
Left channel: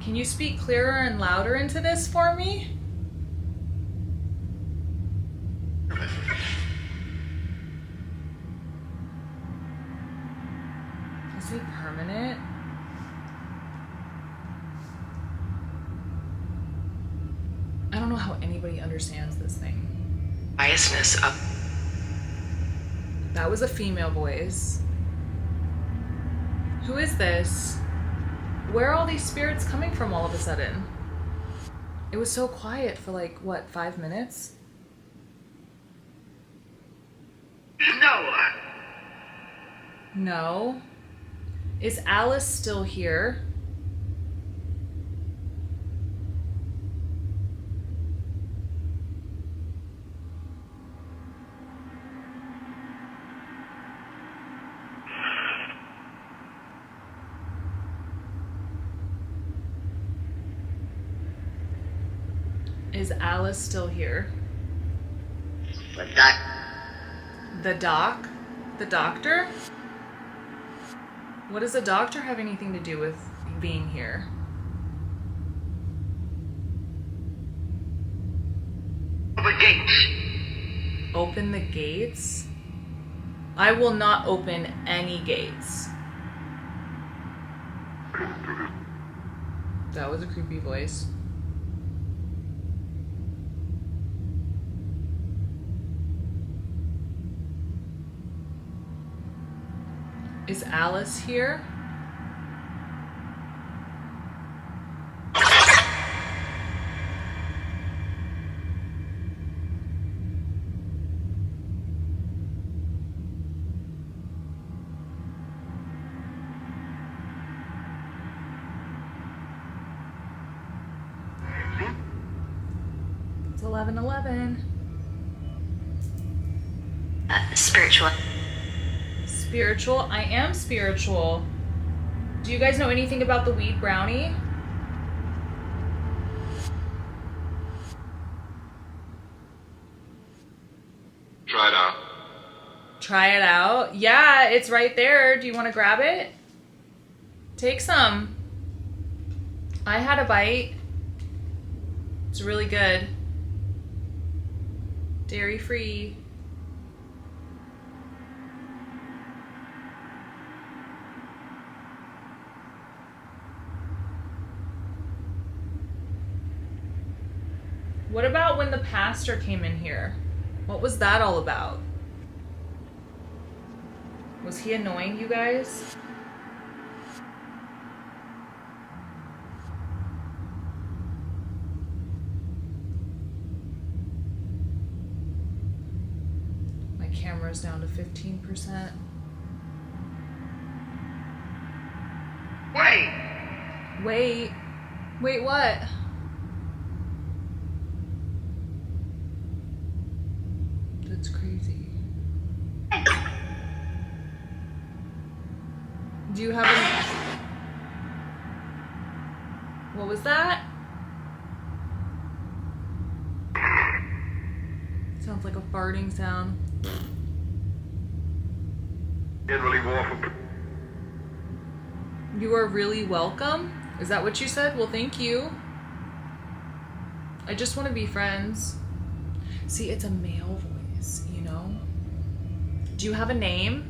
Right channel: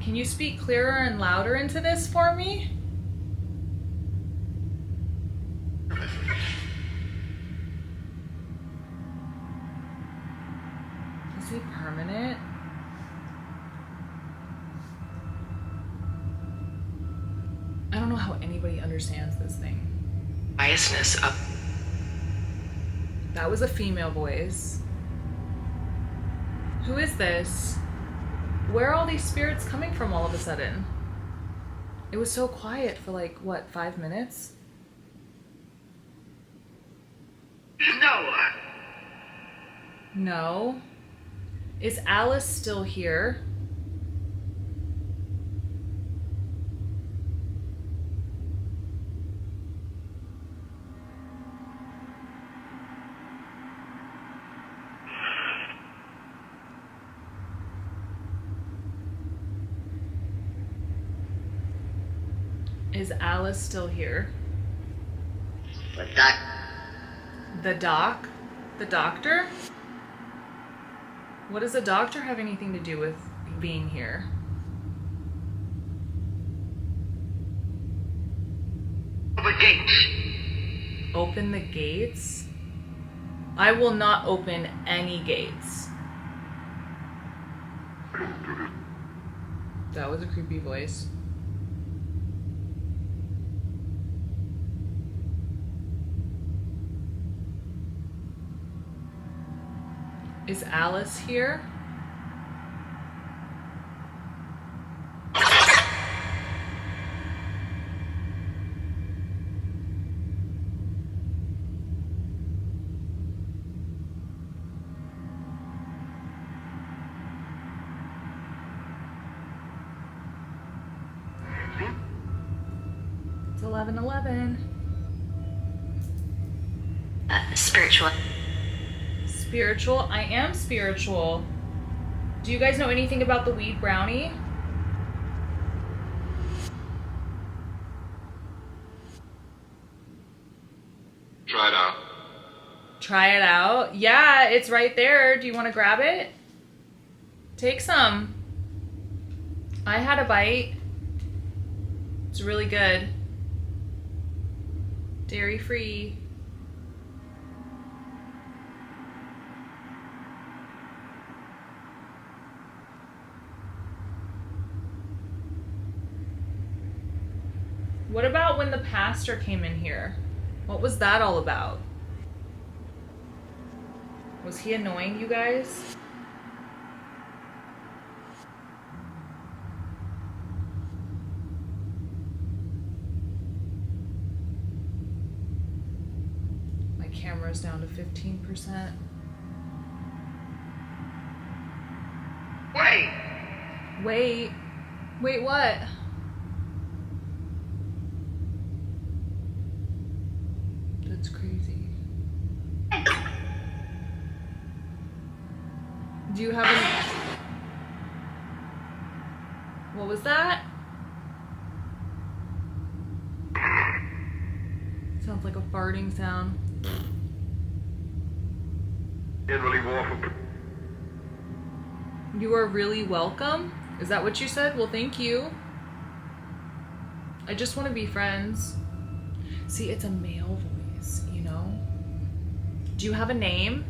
Can you speak clearer and louder into this for me? Is it permanent? I don't know how anybody understands this thing. Biasness up. That was a female voice. Who is this? Where are all these spirits coming from all of a sudden? It was so quiet for like, what, 5 minutes? No. No. Is Alice still here? Is Alice still here? But that... The doc? The doctor? What does the doctor have anything to do with being here? The gates. Open the gates? I will not open any gates. That was a creepy voice. Is Alice here? It's 11:11. Spiritual. Spiritual? I am spiritual. Do you guys know anything about the weed brownie? Try it out. Try it out? Yeah, it's right there. Do you want to grab it? Take some. I had a bite. It's really good. Dairy free. What about when the pastor came in here? What was that all about? Was he annoying you guys? My camera's down to 15%. Wait! Wait. Wait, what? That's crazy. Do you have any... What was that? Sounds like a farting sound. Generally war for. You are really welcome? Is that what you said? Well, thank you. I just want to be friends. See, it's a male voice, you know? Do you have a name?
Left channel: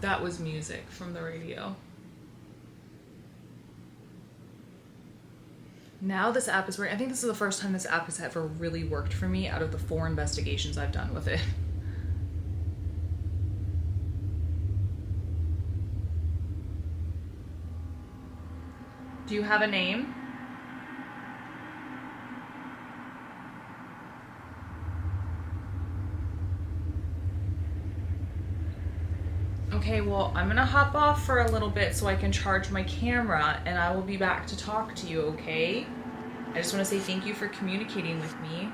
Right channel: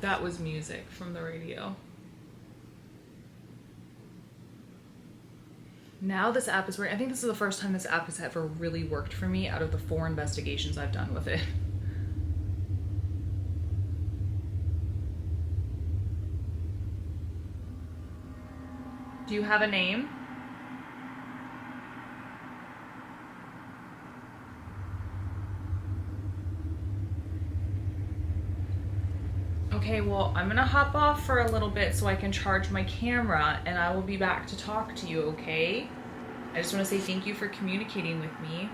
That was music from the radio. Now this app is working. I think this is the first time this app has ever really worked for me out of the 4 investigations I've done with it. Do you have a name? Okay, well, I'm gonna hop off for a little bit so I can charge my camera, and I will be back to talk to you, okay? I just want to say thank you for communicating with me.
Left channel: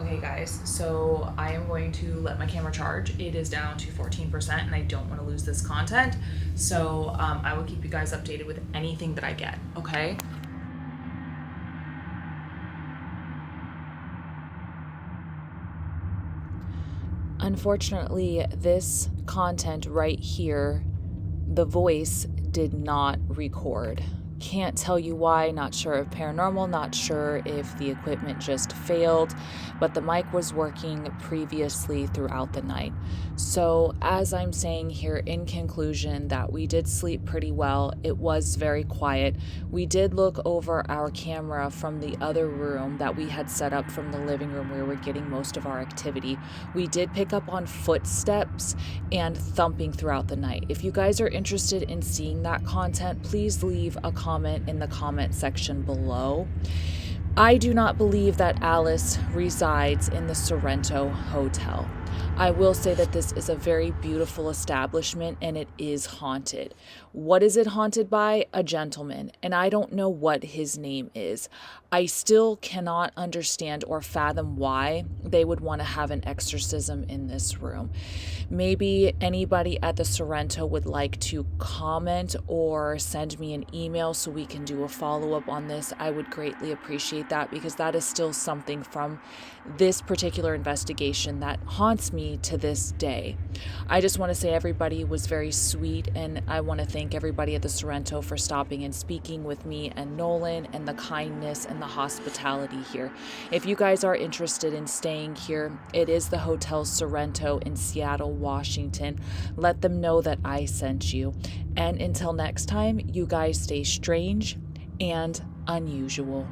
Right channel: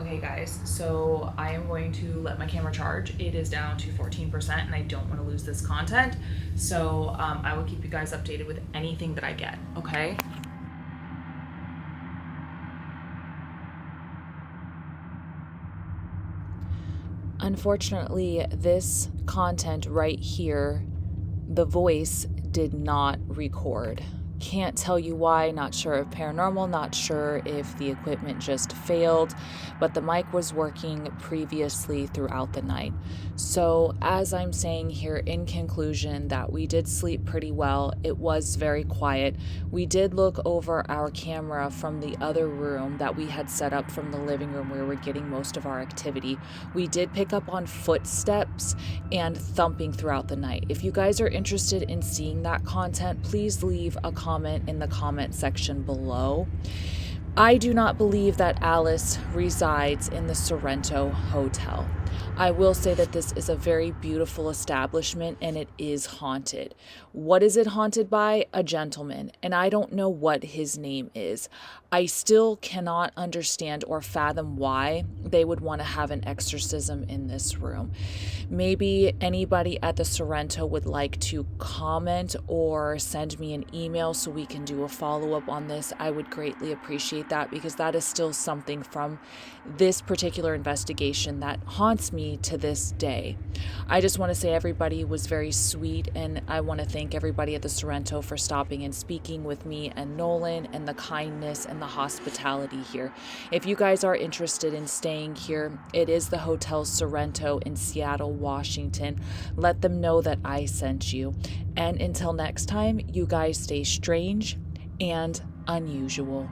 Okay, guys, so I am going to let my camera charge. It is down to 14%, and I don't want to lose this content, so I will keep you guys updated with anything that I get, okay? Unfortunately, this content right here, the voice did not record. Can't tell you why, not sure if paranormal, not sure if the equipment just failed, but the mic was working previously throughout the night. So as I'm saying here in conclusion, that we did sleep pretty well. It was very quiet. We did look over our camera from the other room that we had set up from the living room where we're getting most of our activity. We did pick up on footsteps and thumping throughout the night. If you guys are interested in seeing that content, please leave a comment in the comment section below. I do not believe that Alice resides in the Sorrento Hotel. I will say that this is a very beautiful establishment and it is haunted. What is it haunted by? A gentleman, and I don't know what his name is. I still cannot understand or fathom why they would want to have an exorcism in this room. Maybe anybody at the Sorrento would like to comment or send me an email so we can do a follow-up on this. I would greatly appreciate that, because that is still something from this particular investigation that haunts me to this day. I just want to say everybody was very sweet, and I want to thank everybody at the Sorrento for stopping and speaking with me and Nolan, and the kindness and the hospitality here. If you guys are interested in staying here, it is the Hotel Sorrento in Seattle, Washington. Let them know that I sent you. And until next time, you guys stay strange and unusual.